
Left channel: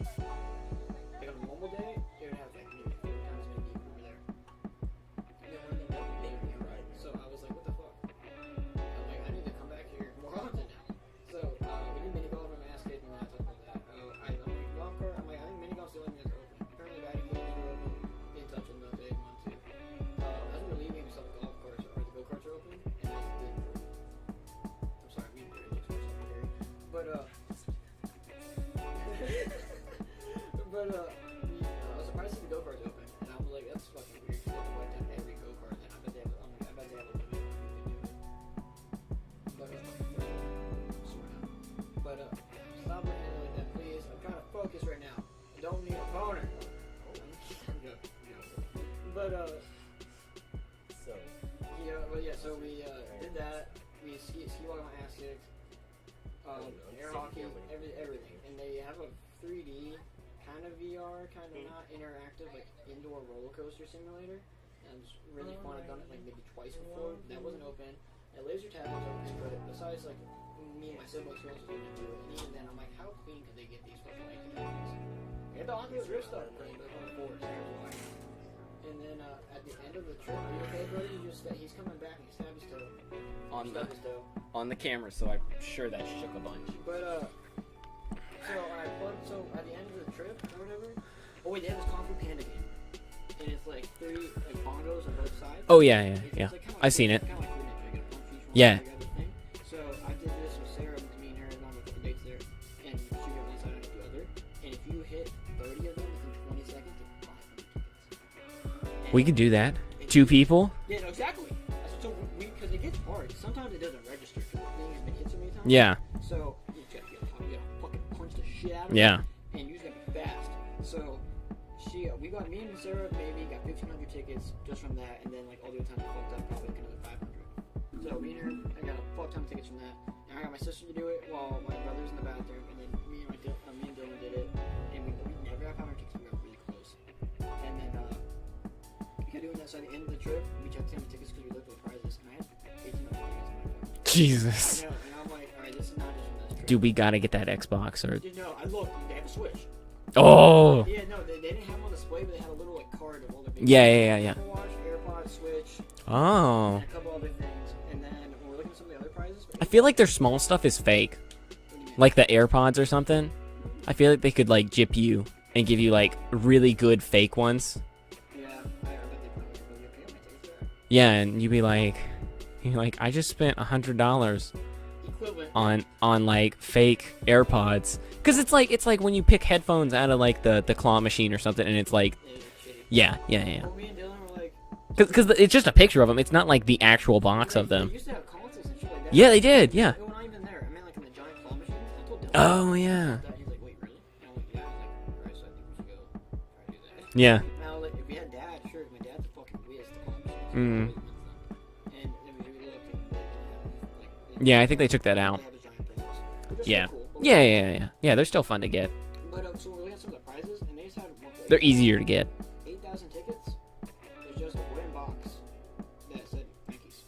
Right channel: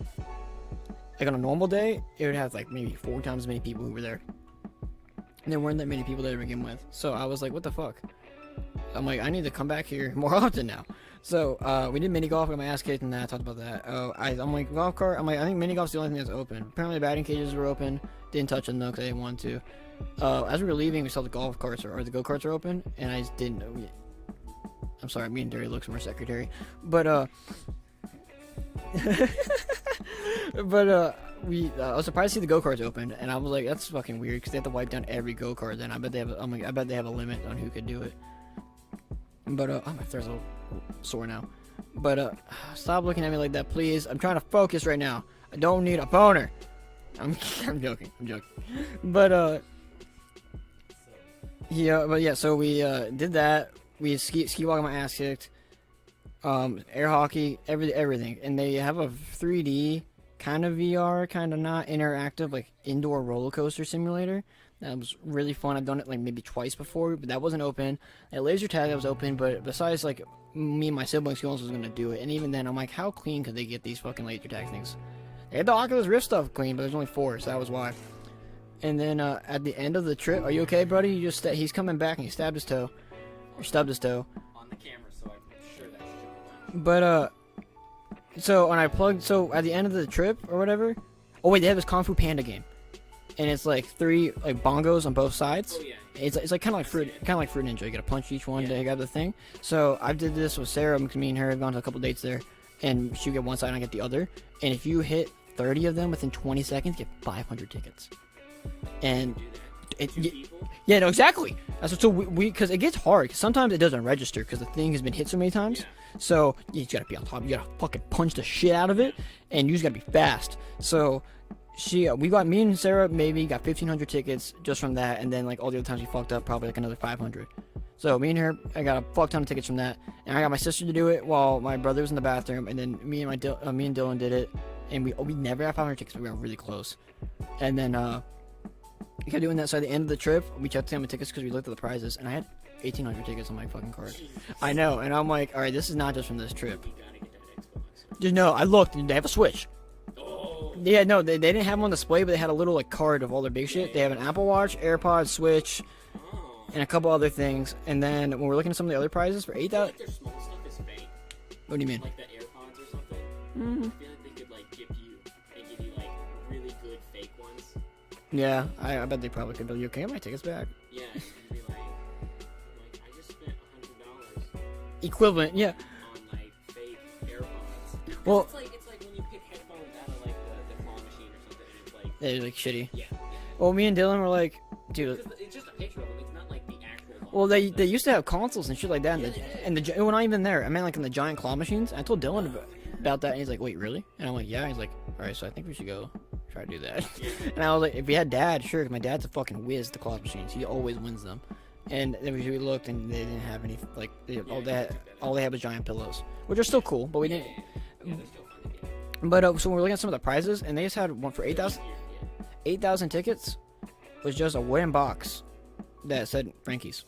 on a normal day, it would have like maybe 4 times as many people who were there. And there weren't that many people there to begin with. So I was like, what the fuck? I'm like, I need to come back here more often now. So we did mini golf. Got my ass kicked and that. Talked about that. I'm like, golf cart. I'm like, I think mini golf's the only thing that's open. Apparently the batting cages were open. Didn't touch them though because I didn't want to. As we were leaving, we saw the golf carts or the go karts are open, and I just didn't know. I'm sorry, me and Derry looks more secretary, but I was surprised to see the go karts open, and I was like, that's fucking weird because they have to wipe down every go kart. Then I bet they have a limit on who could do it. But oh, my throat's all sore now. But stop looking at me like that, please. I'm trying to focus right now. I don't need a boner. I'm joking. But yeah. So we did that. We ski walking, my ass kicked. Air hockey, everything, and they have a 3D kind of VR, kind of not interactive, like indoor roller coaster simulator. That was really fun. I've done it like maybe twice before, but that wasn't open. At laser tag, that was open, but besides like me and my siblings, who else was gonna do it? And even then, I'm like, how clean could they get these fucking laser tag things? They had the Oculus Rift stuff clean, but there's only 4, so that was why. And then at the end of the trip, are you okay, buddy? He's coming back and he stabbed his toe. Stubbed his toe. On the camera, so I'm sure that shook a bunch. But so when I plugged, so at the end of the trip or whatever, oh wait, they have this Kung Fu Panda game, and it's like 3 like bongos on both sides. Oh yeah. It's like kind of like I've seen it. Kind of like Fruit Ninja. You gotta punch each one. Yeah. You got the thing. So I did this with Sarah because me and her have gone to a couple dates there, and she get one side and I get the other. And if you hit 30 of them within 20 seconds, you get 500 tickets. And We can do that. 2 people. Yeah, no, exactly. That's what, so we because it gets hard. Sometimes it doesn't register because the thing has been hit so many times. Yeah. So you just gotta be on top. You gotta fucking punch the shit out of Yeah. it, and you just gotta be fast. So me and Sarah maybe got 1,500 tickets just from that, and then like all the other times we fucked up, probably like another 500. So me and her, I got a fuck ton of tickets from that, and I got my sister to do it while my brother was in the bathroom, and then me and Dylan did it, and we never got 500 tickets. We were really close, and then we kept doing that. So at the end of the trip, we checked the tickets because we looked at the prizes, and I had 1,800 tickets on my fucking card. Jesus. I know, and I'm like, all right, this is not just from this trip. Dude, we gotta get that Xbox or. No, I looked, and they have a Switch. Oh. Yeah, no, they didn't have them on display, but they had a little like card of all their big Yeah, shit. They yeah, had an yeah. Apple Watch, AirPods, Switch, Oh. and a couple other things. And then when we're looking at some of the other prizes for 8, I feel like their small stuff is fake. what do you mean? Like the AirPods or something. Mhm. I feel like they could like gyp you and give you like really good fake ones. Yeah, I bet they probably could. But you can get my tickets back. Yeah, and you'd be like, I just spent $100 Equivalent, yeah. on like fake AirPods. Because Well- it's like when you pick headphones out of like the claw machine or something, and it's like, They're like shitty. yeah. Well, me and Dylan were like, dude, Because it's just a picture of them. It's not like the actual box well, of them. they used to have consoles and shit like that. Yeah, they did, And yeah. Well, not even there. I meant like in the giant claw machines. I told Dylan Oh yeah. about that, and he's like, wait, really? And I'm like, yeah. He's like, all right, so I think we should go try to do that. Yeah. And I was like, if we had Dad, sure, 'cause my dad's a fucking whiz to claw machines. He Mhm. always wins them. And then we looked, and they didn't have any, like... Yeah, I think they took that All out. they have is giant pillows, which are Yeah. still cool. But we Yeah, they're still fun to get. But so we're looking at some of the prizes, and they just had one for They're 8,000 easier to get. 8,000 tickets. Was just a wooden box that said Frankie's.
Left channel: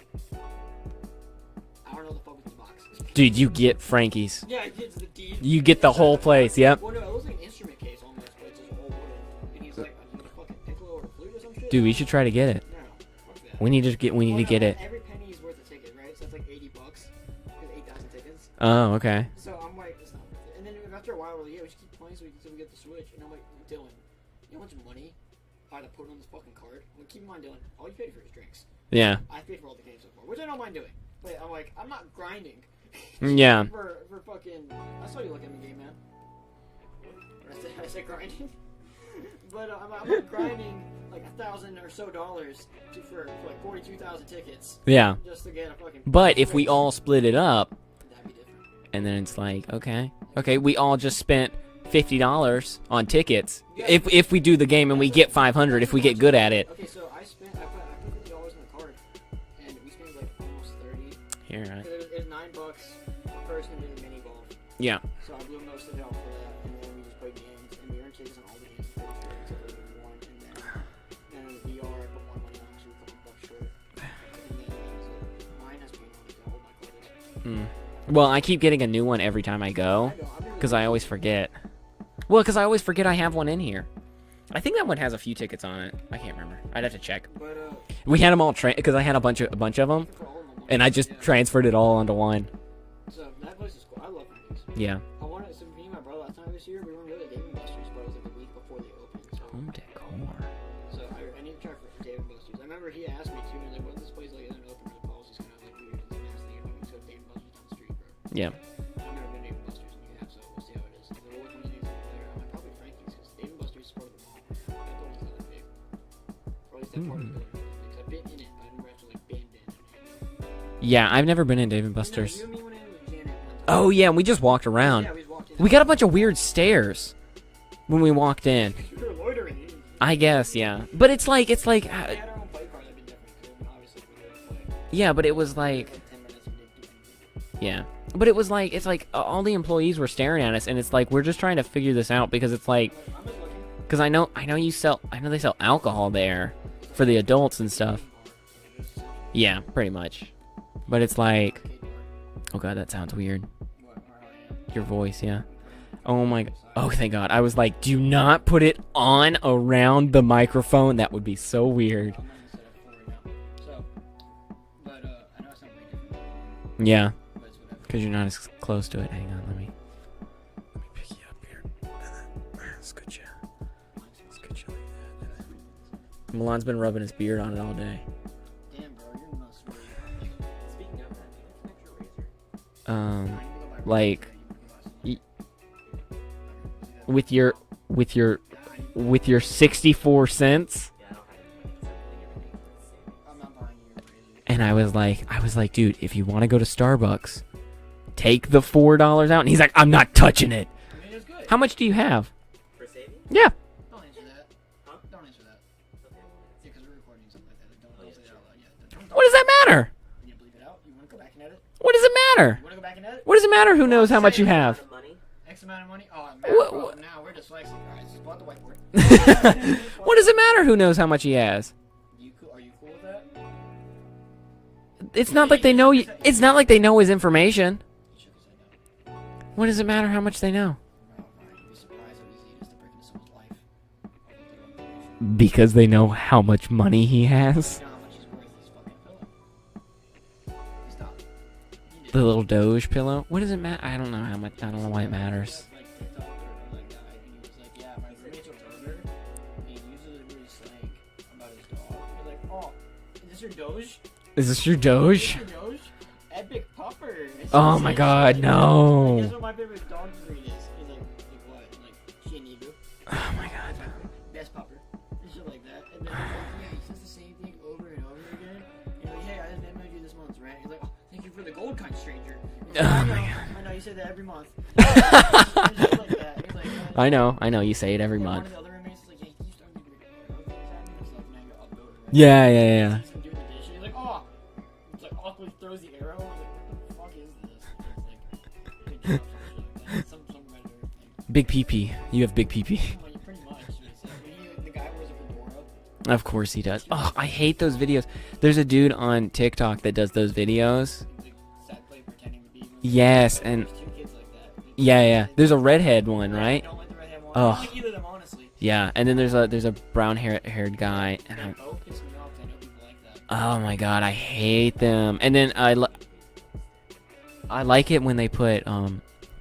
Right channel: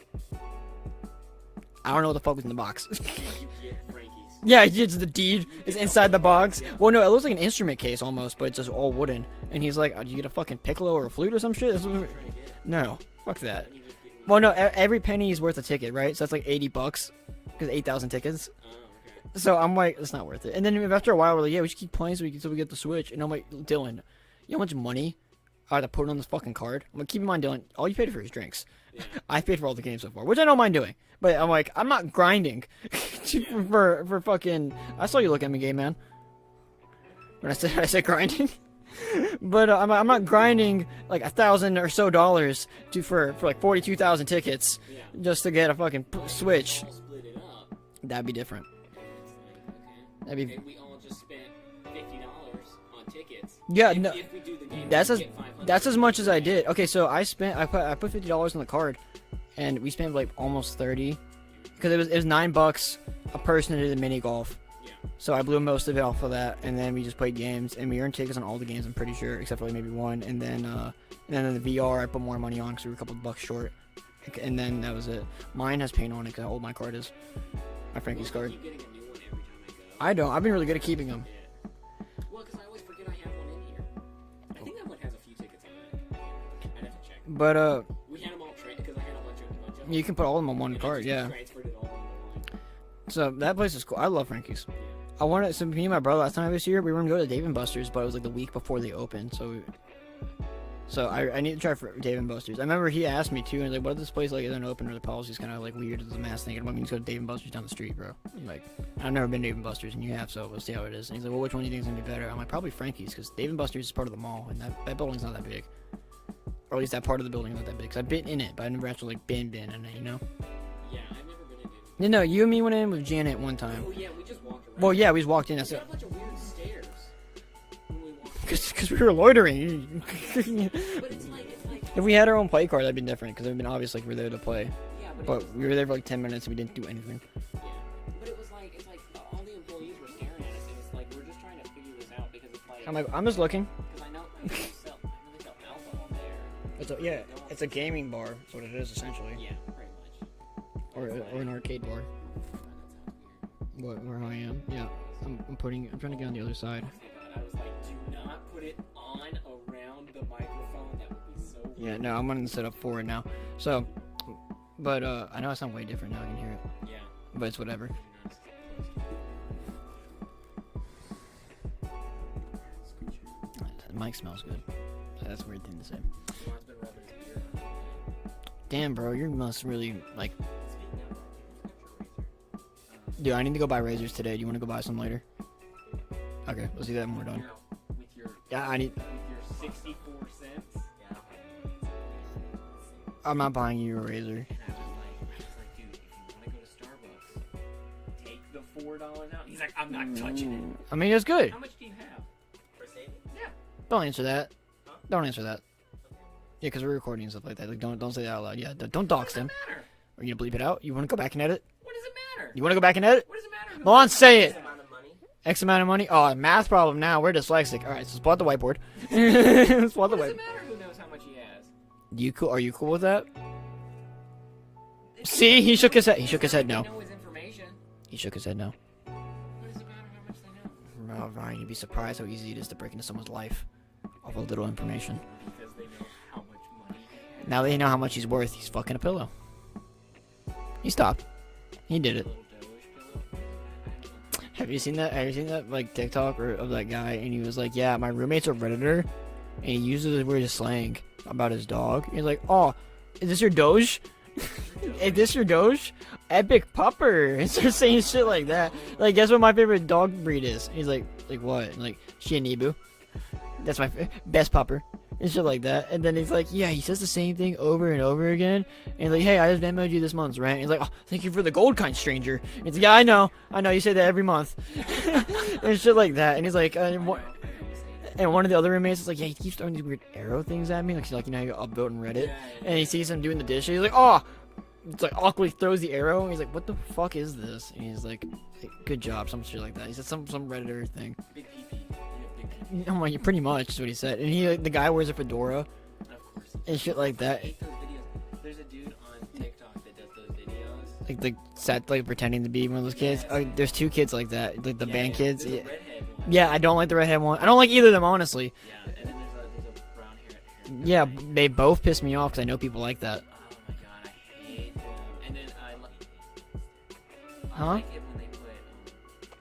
I don't know what the fuck was in the box. Dude, you get Frankie's. Yeah, it's the deed. You get the inside whole the place, box. yep. Well, no, it looks like an instrument case almost, but it's just all wooden. And he's like, "Do you get a fucking piccolo or a flute or some shit?" Dude, we should try to get it. No. Fuck that. We need to get it. Every penny is worth a ticket, right? So that's like $80 because 8,000 tickets. Oh, okay. So I'm like, it's not worth it. And then after a while, we're like, yeah, we should keep playing so we get the Switch. And I'm like, Dylan, you know how much money I had to put on this fucking card? I'm like, keep in mind, Dylan, all you paid for is drinks. Yeah. I paid for all the games so far, which I don't mind doing. But I'm like, I'm not grinding. Yeah. For fucking, I saw you look at me, gay man. When I said grinding. But I'm not grinding like $1,000 or so for like 42,000 tickets Yeah. just to get a fucking. But if we Switch. all split it up, That'd be different. and then it's like, okay, That'd be okay, we all just spent $50 on tickets. Yeah, If no, if we do the game and we that's get as- 500 That's if as we much get good as I at did. it. Okay, so I put $50 on the card, and we spent like almost 30 Here. because it was $9 a person to do the mini golf. Yeah. So I blew most of it off of that, and then we just played games, and we earned tickets on all the games. I'm pretty sure, except for like maybe one. And then the VR, I put more money on because we were a couple of bucks short. And then that was it. Mine has paint on it because how old my card is. Mm. My friend Well, gets I it. keep getting a new one every time I go. I don't. I've been really Because good I at always keeping them. forget. Well, because I always forget I have one in here. I think that one has a few tickets on it. I can't remember. I'd have to check. But We had them all because I had a bunch of you them, can put all of them on one. and I card, just yeah. transferred it all onto one. So that place is cool. I love Frankie's. Yeah. I wanted. So me and my brother last time I was here, we were gonna go to Dave and Buster's, but it was like the week before they opened. So I need to try for Dave and Buster's. I remember he asked me too, and like, what if this place like isn't open or the policy's kind of like weird as a mass thing? And why don't we just go to Dave and Buster's down the street, bro? Yeah. Like, I've never been to Dave and Buster's, and you have, so we'll see how it is. And he's like, well, which one do you think is gonna be better? I'm like, probably Frankie's, because Dave and Buster's is part of the mall, and that building's not that big. Or at least that part of the building is not that big. Cause I've been in it, but I've never actually like been in it, you know? Yeah, I've never been in Dave and Buster's. No, you and me went in with Janet one time. Oh yeah, and we just walked around. Well, yeah, we just walked in. We got a bunch of weird stares when we walked in. because we were loitering. I guess, yeah. But it's like If we had our own play card, that'd be different, because it would have been obvious like we're there to play. yeah, but it But was we were there like for like 10 minutes and we didn't do anything. yeah. But it was like it's like all the employees were staring at us, and it's like we're just trying to figure this out because it's like I'm like, I'm just looking. because I know they sell alcohol there. For the adults and it's a stuff. gaming bar. That's what it is essentially. Yeah, pretty much. But it's An like arcade bar. oh god, that sounds weird. Where I am. Your voice, yeah. I'm putting. Oh my. Oh, thank God. I was like, do not put it on around the microphone. That would be so weird. No, I'm gonna set up for it now. So, but I know it sounds way different now. I can hear it, Yeah, but it's whatever. because you're not as close to it. Hang on, let me pick you up here. Scooch you. The mic smells good. That's a weird thing to say. Milan's been rubbing his beard on it all day. Damn, bro, you must really like. Um, Dude, I need to go buy razors like- today. Do you want to go buy some later? Okay, we'll see that. when with we're your done. Yeah, I need. with your 64 cents. I'm not buying you a razor. And I was like, dude, if you want to go to Starbucks, take the $4 out. And he's like, I'm not touching it. I mean, it's good. How much do you have? Yeah. Don't answer that. Don't answer that. Yeah, because we're recording and stuff like that. Like, don't say that out loud. Yeah, don't. What does that matter? Are you gonna bleep it out? You want to go back and edit? What does it matter? You want to go back and edit? What does it matter? Who Well, knows how say much you it. have? X amount of money? Oh, math problem now. We're dyslexic. All right, so spot the whiteboard. What does it matter? Who knows how much he has? You cool? Are you cool with that? It's not See, like they he know. shook his head- he shook It's his not head like they no. know his information. He shook his head no. What does it matter how much they know? Oh, Ryan, you'd be surprised how easy it is to break into someone's life. All the little information. Because they know how much money he has. Now they know how much he's worth. He's fucking a pillow. He stopped. He did The it. little Doge pillow. What does it matter? I don't know how much. Have you seen that? Have you seen that like TikTok of that guy? And he was like, "Yeah, my roommate's a redditor, and he uses weird slang about his dog." He's like, "Oh, is this your Doge? Is this your Is Doge? this your Doge? Epic pupper." It's Oh just my saying God, shit like no. that. Like, guess what my favorite dog breed is? He's like what? And like Shianibu. Oh my God. That's my best pupper. And shit like that. And then he's like, yeah, he says the same thing over and over again. And he's like, hey, I just Venmoed you this month's rent. He's like, oh, thank you for the gold kind, stranger. It's like, yeah, I know. I know. You say that every month. And shit like that. And he's like, I know. You say it every And month. one of the other roommates is like, yeah, he keeps throwing these weird arrow things at me. Like, he's like, you know, you're upvote and Reddit. Yeah, And yeah. he sees him doing the dishes. He's like, oh. It's like awkwardly throws the arrow. And he's like, what the fuck is this? And he's like, good job, some shit like that. It's some Redditor thing. Big PP. You have big PP. I'm like, pretty much is what he said. And he, like, the guy wears a fedora. Of course he does. shit Oh, like I that. hate those videos. There's a dude on TikTok that does those videos. Like pretending to be one of those Yes, kids. and- there's 2 kids like that. Like the Yeah, main yeah. kids, There's a like- redhead one. Yeah, right? I don't like the redhead one. I Ugh. don't like either of them, honestly. Yeah, and then there's a brown haired guy. Yeah, they both piss me off because I know people like that. Oh my god, I hate them. And then I Huh? like it when they put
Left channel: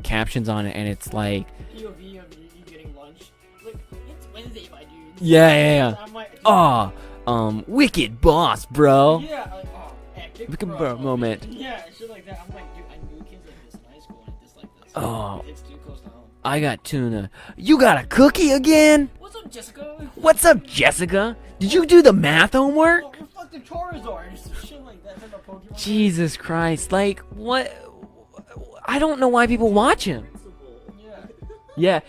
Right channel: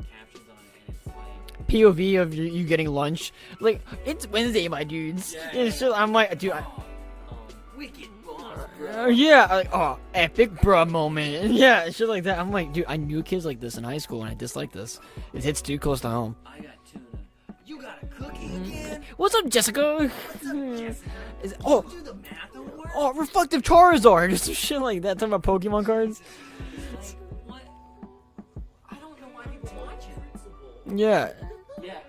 captions on it, and it's like, POV of you getting lunch. Like, it's Wednesday, my dudes. Yeah, yeah, yeah. I'm like, dude. wicked boss, bro. Yeah, like, epic bruh bruh moment. moment. Yeah, shit like that. I'm like, dude, I knew kids like this in high school, and I dislike this. Oh. It hits too close to home. I got tuna. You got a cookie again? What's up, Jessica? What's up, Jessica? Is- Did oh. you do the math homework? Oh, reflective Charizard. Just some shit like that. Talking about Pokemon cards. Jesus Christ! Like what? I don't know why people watch him. Yeah. Yeah.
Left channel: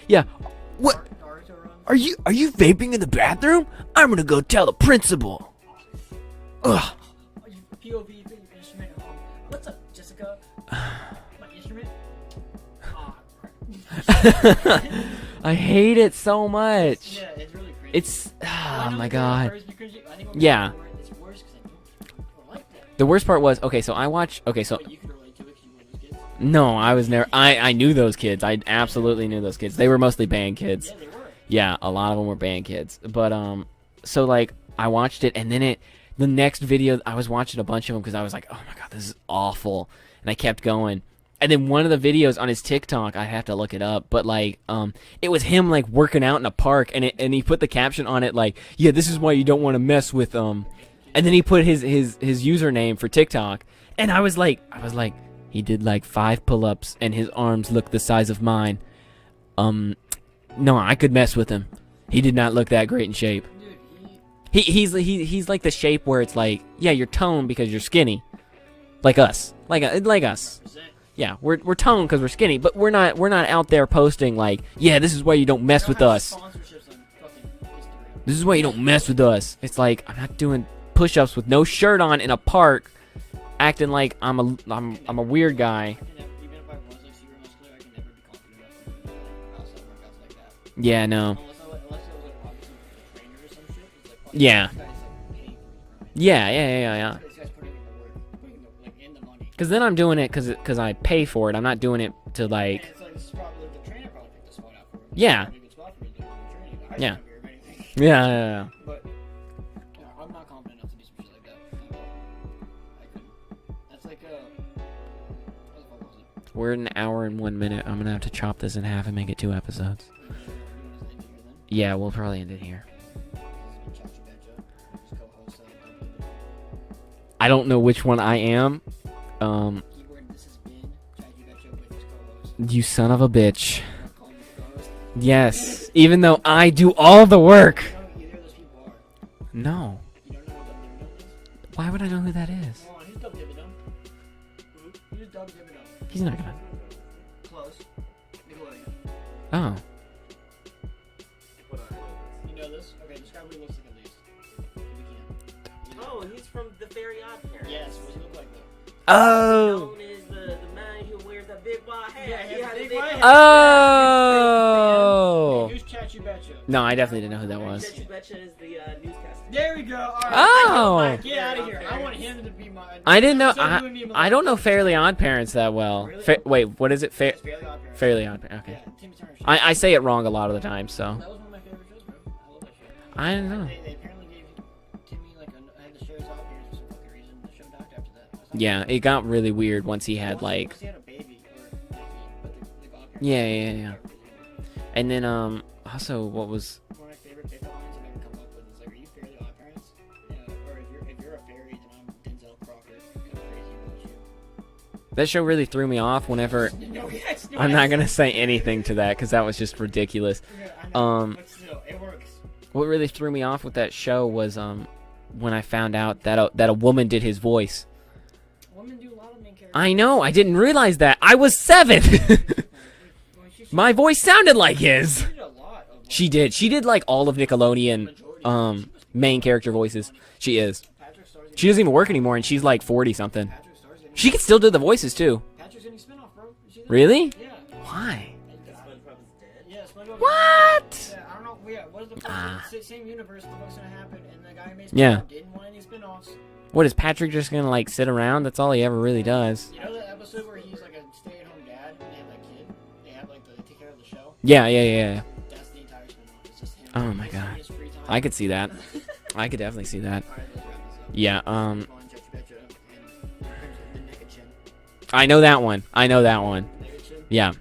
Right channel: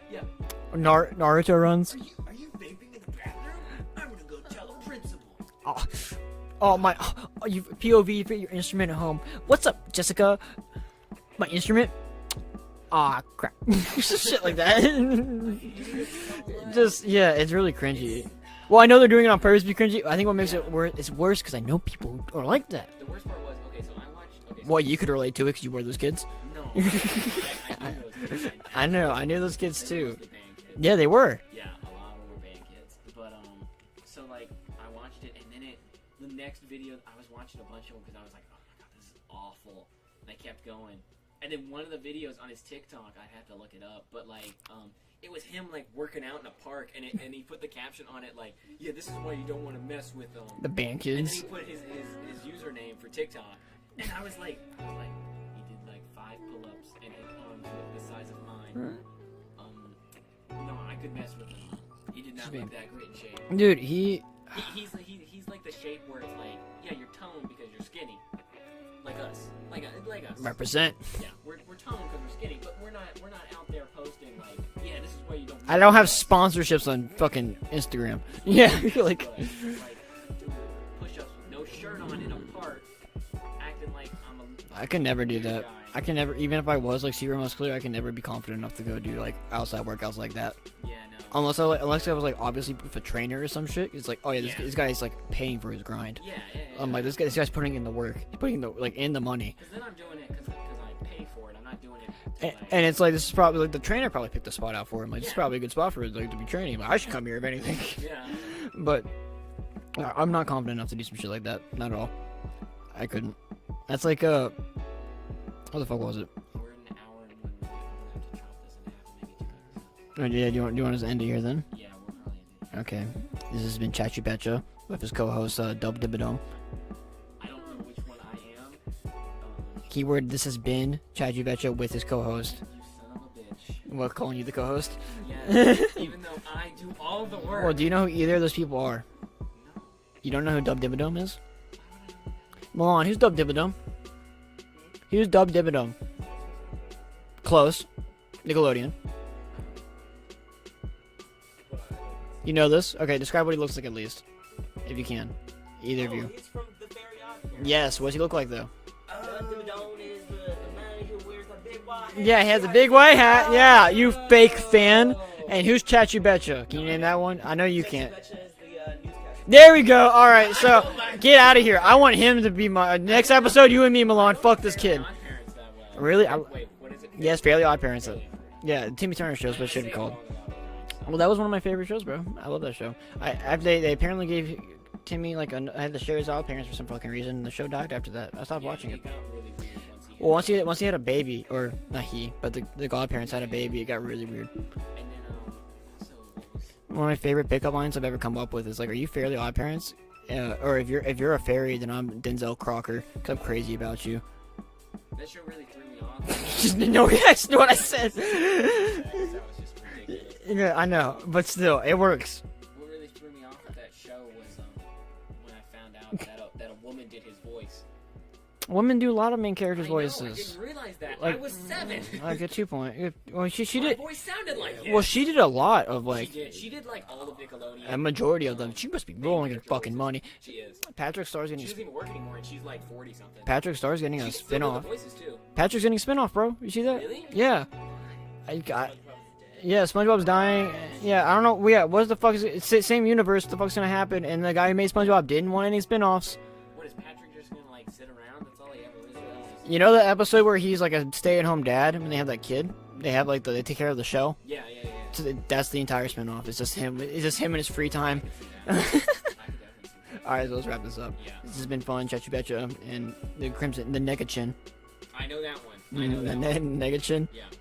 Naruto runs. Are you vaping in the bathroom? I'm gonna go tell the principal. Oh, Ugh. my. Oh, you POV for your instrument at home. What's up, Jessica? My instrument? Aw, crap. Shit like that. I hate it so much. Yeah, it's really cringy. It's well, I know oh they're my doing it on God. purpose to be cringy. I think what makes Yeah. it worse, it's worse because I know people who are like that. The worst part was okay. So I watched. Okay, so Well, you could relate to it because you were those kids. no, I was never. I knew those kids. I absolutely I knew knew those those kids. kids They were too. mostly band kids. Yeah, they were. Yeah, a lot of them were band kids. But so like I watched it, and then the next video I was watching a bunch of them because I was like, oh my god, this is awful, and I kept going. And then one of the videos on his TikTok, I have to look it up, but like it was him like working out in a park, and he put the caption on it like, yeah, this is why you don't want to mess with The band kids. and then he put his username for TikTok, and I was like, he did like 5 pull-ups, and his arms look the size of mine. No, I could mess with him. He did not look that great in shape. Dude, He's like the shape where it's like, yeah, you're toned because you're skinny, like us, like us. represent. Yeah, we're toned because we're skinny, but we're not out there posting like, yeah, this is why you don't mess I don't with have us. sponsorships on fucking Instagram. This is why you Yeah, don't mess like- with us. It's like I'm not doing push-ups with no shirt on in a park, acting like I'm a do weird that. guy. I can never, even if I was like super muscular, I can never be confident enough to go do like outside workouts like that. Yeah, no. Unless I was like obviously with a trainer or some shit. It's like, oh yeah, Yeah. this guy's like paying for his grind. Yeah. I'm like, This guy's putting in the work, putting the in the money. Because then I'm doing it because I pay for it. I'm not doing it to like. And it's like this is probably like the trainer probably picked the spot out for him. Like, Yeah. This is probably a good spot for it like to be training. Like, I should Yeah. come here if anything. Yeah. But I'm not confident enough to do some shit like that. Not at all. I couldn't. That's like what the fuck was it? We're an hour and 1 minute. I'm gonna have to chop this in half and make it 2 episodes. Oh, yeah, do you want us to end it here then? Yeah, we'll probably end it here. Okay. This has been Chachi Betcha with his co-host Dub Dibadome. I don't know which one I am. Keyword: This has been Chachi Betcha with his co-host. You son of a bitch. Well, calling you the co-host. Yes. Even though I do all the Well, work. do you know who either of those people are? No. You don't know who Dub Dibadome is? Why would I know who that is? Milan, who's Dub Dibadome? Who's Dub Dibadome? He's not gonna. Close. Nickelodeon. Oh. You know this? Okay, describe what he looks like at least. If you can. Either of you. He's from the Very Odd Parents. Yes, what's he look like though? Oh. Known as the man who wears that big white hat. Yeah, he has a Yeah, big yeah. white hat. Yeah, you fake fan. Oh. And who's Chachi Betcha? No, Can you I name that definitely one? didn't know who I that know you was. can't. Betcha is the newscaster. There we go. All right, Oh. so get out of here. I want him to be my I next didn't know- episode. I- You and me, Milan. I don't know Fuck this Fairly kid. Odd Parents that well. Really? Wait, what is it? Yes, Fairly Odd Parents. Fairly Odd Parents. Yeah, Timmy Turner show. I say it wrong a lot of the time, so. Well, that was one of my favorite shows, bro. I love that show. I know. They apparently gave Timmy like I had to share his odd parents for some fucking reason. And the show died after that. I stopped Yeah, watching. it got really weird once he had Well, once he had a baby, or not he, but the godparents Yeah, had a yeah, baby, yeah. it got really weird. and then also what was One of my favorite pickup lines I've ever come up with is like, "Are you Fairly Odd Parents? Or if you're a fairy, then I'm Denzel Crocker. 'Cause I'm crazy about you." that show really threw me off whenever. No, yes, no, I'm not gonna say anything to that because that was just ridiculous. Yeah, I know, Um, but still, it works. What really threw me off with that show was when I found out that a woman did his voice. Women do a lot of main character. I know, I voices. didn't realize that. I was 7. Good 2 point. Well, she My did, voice sounded like well, his. she did a lot of like. She did like all of A Nickelodeon majority of them. She must be main blowing character fucking voices. Money. She is. Patrick Starr's getting. She doesn't even work anymore, and she's like 40 something. Patrick Starr's getting. She a could still do the spin-off. voices too. Patrick's getting a spinoff, bro. You see that? Really? Yeah. Why? I got. Yeah, SpongeBob's dying. Yeah, I don't know. Yeah, what the fuck is it? It's same universe. What the fuck's gonna happen? And the guy who made SpongeBob Yeah. didn't want any spin-offs. What is Patrick just gonna like sit around? That's all he ever really does. You know the episode where he's like a stay-at-home dad and they have that kid? They have like they take care of the show. Yeah. So that's the entire spin-off. It's just him. Oh it's my just him God. in his free time. I could see that. I could definitely see that. All right, so let's wrap this up. Yeah. This has been fun. Chachu Betcha and the Crimson, the Negachin. I know that one. I know that one. Negachin. Yeah.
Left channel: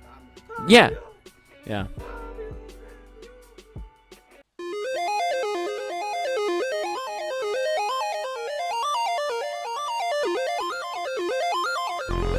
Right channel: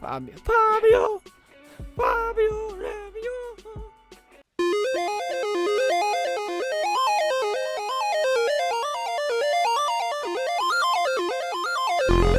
Fabio. Yeah. Fabio. Yeah. Fabio. Fabio.